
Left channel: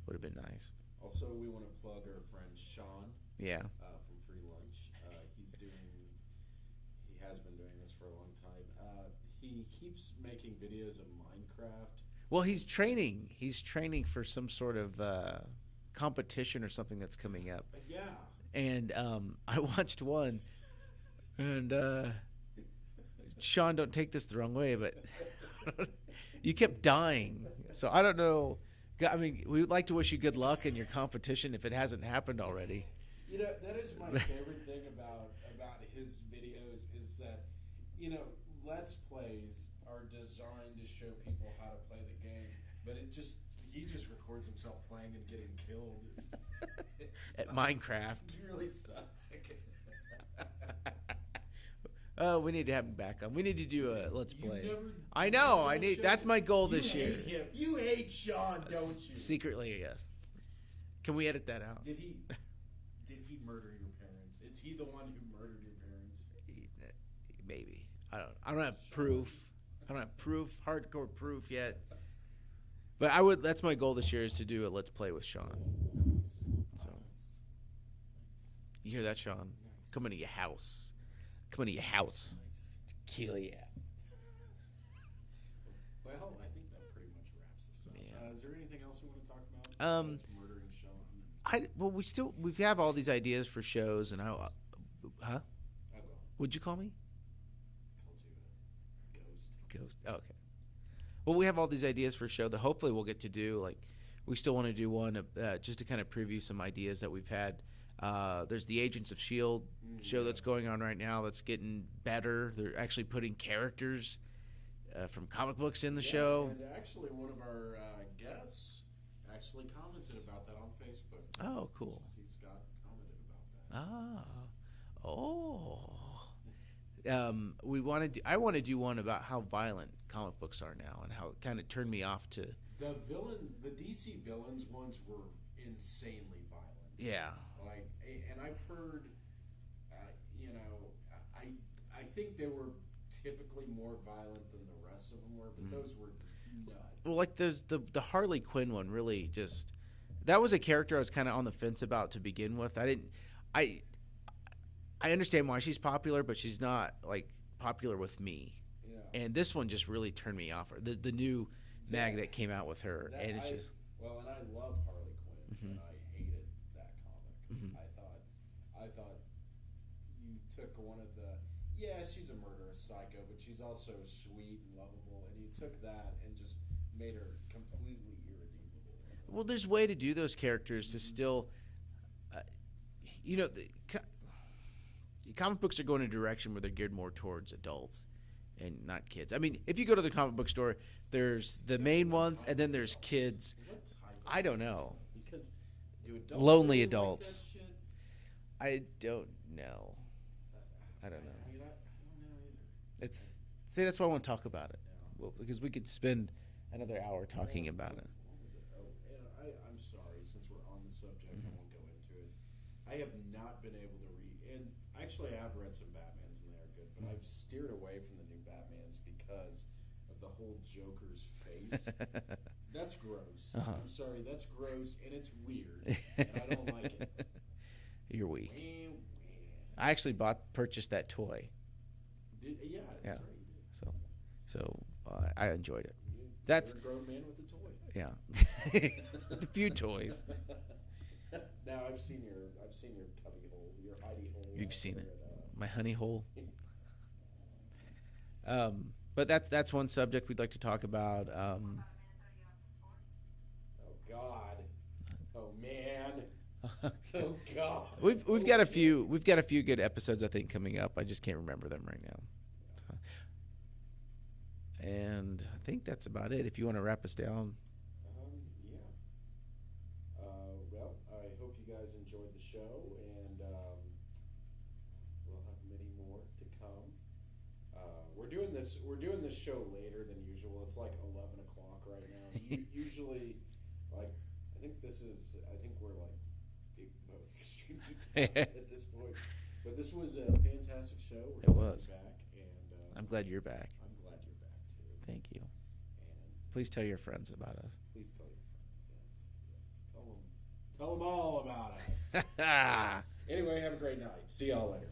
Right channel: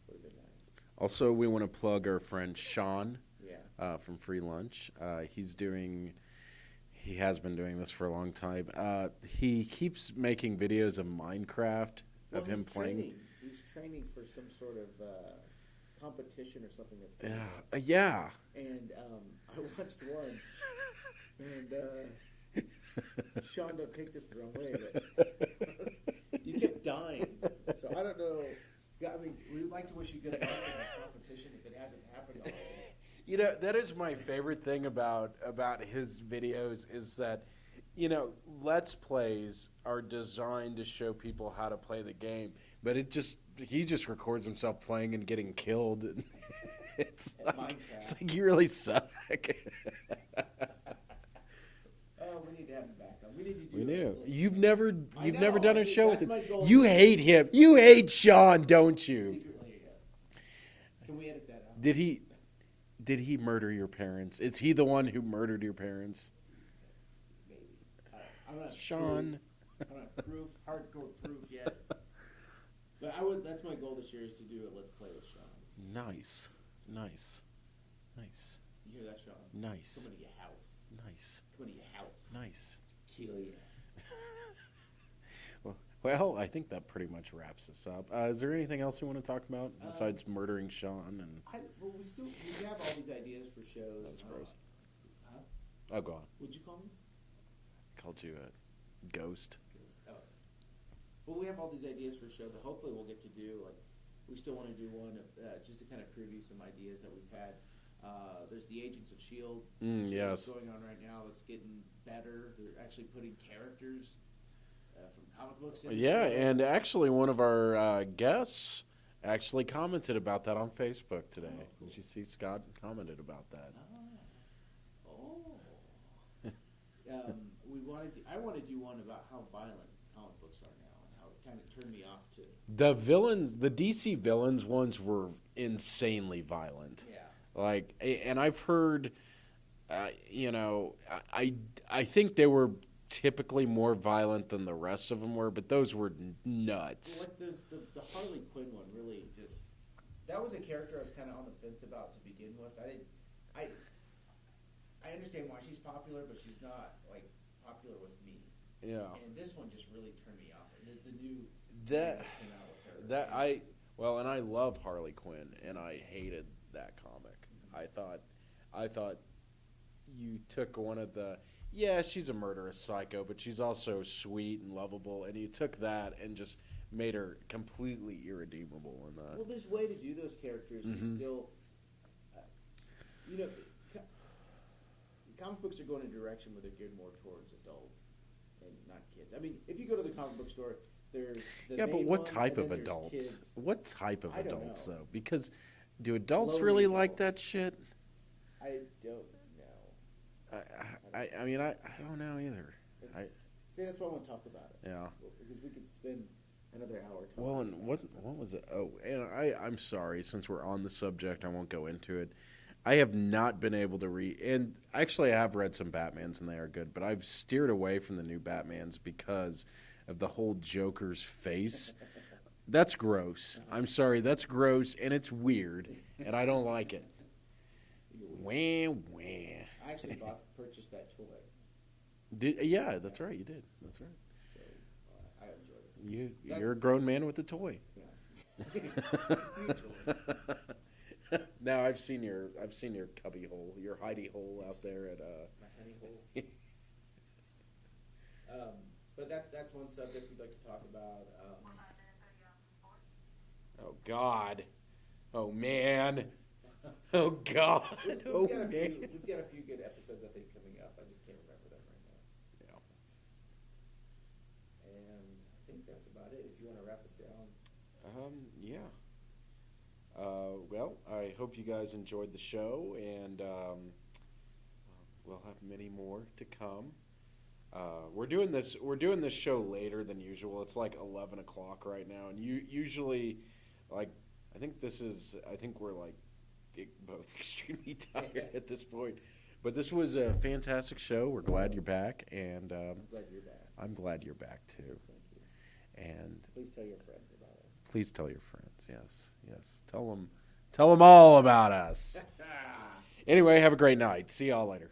would have been nice. Also, we want to plug our friend Sean Yeah. from Free Lunch. He has been doing this for a long time. He keeps making videos of Minecraft. Well, of him he's playing. training. He's training for some sort of competition or something that's coming up. Yeah. And I watched one, and Sean, don't take this the wrong way, but you kept dying. So I don't know. I mean, we would like to wish you good luck in your competition if it hasn't happened already. You know, that is my favorite thing about his videos is that, you know, Let's Plays are designed to show people how to play the game, but he just records himself playing and getting killed. It's At Minecraft. It's like, you really suck. We need to have him back on. We need to do a Let's You've Play. never I you've know, never done I a need- show. that's with my him. goal You this year. hate him. You hate Sean, don't you? Secretly, yes. Can we edit that out? Did he murder your parents? Is he the one who murdered your parents? Maybe. I don't have Sean. proof. I don't have proof, hardcore proof yet. But that's my goal this year is to do a Let's Play with Sean. Nice. Nice. Nice. You hear that, Sean? Nice. Come into your house. Nice. Come into your house. Nice. Kill you. Well, I think that pretty much wraps us up. Is there anything else you want to talk about besides murdering Sean? And We have all these ideas for shows, and huh? Oh, go on. What'd you call me? Called you a ghost. Ghost. Oh, okay. Well, we have all these ideas for a show that hopefully we'll get to do. Like, we still want to do one just to kind of preview some ideas that we've had. There's the Agents of S.H.I.E.L.D. show that's yes. going on right now that's getting better. They're actually putting characters from comic books in the show. Yeah, and actually one of our guests actually commented about that on Facebook today. Oh, cool. Did you see Scott commented about that? Oh. I want to do one about how violent comic books are now and how it kind of turned me off to. The villains, the DC villains ones were insanely violent. Yeah. Like, and I've heard, you know, I think they were typically more violent than the rest of them were, but those were nuts. Well, like the Harley Quinn one really just. That was a character I was kind of on the fence about to begin with. I understand why she's popular, but she's not like popular with me. Yeah. And this one just really turned me off. The new mag that came out with her. And I love Harley Quinn, and I hated that comic. I thought you took one of the she's a murderous psycho, but she's also sweet and lovable, and you took that and just made her completely irredeemable in that. Well, there's a way to do those characters to still, comic books are going in a direction where they're geared more towards adults and not kids. I mean, if you go to the comic book store, there's the main ones, and then there's kids. What type of I don't adults, know. though? Because do adults Lonely really adults. like that shit? I don't know. I mean, I don't know either. See, that's why I want to talk about it. Yeah. Well, because we could spend another hour talking about it. What was it? Oh, and I'm sorry. Since we're on the subject, I won't go into it. I have not been able to read, and actually I have read some Batmans and they are good, but I've steered away from the new Batmans because of the whole Joker's face. That's gross. I'm sorry, that's gross, and it's weird, and I don't like it. You're weird. Wah, wah. I actually purchased that toy. That's right, you did. So that's right. So I enjoyed it. You're a grown man with a toy. Yeah. A few toys. Now I've seen your cubby hole, your hidey hole. You've seen there my honey hole. But that's one subject we'd like to talk about. Oh God. Oh man. Oh God. We've got a few. We've got a few good episodes I think coming up. I just can't remember them right now. Yeah. And I think that's about it. If you want to wrap us down. Yeah. Well, I hope you guys enjoyed the show, and we'll have many more to come. We're doing this show later than usual. It's like 11 o'clock right now, and usually, like, I think we're like both extremely tired at this point. But this was a fantastic show. We're glad you're back, and I'm glad you're back. I'm glad you're back too. Thank you. And please tell your friends about us. Please tell your friends. Yes. Tell them all about us. Anyway, have a great night. See y'all later.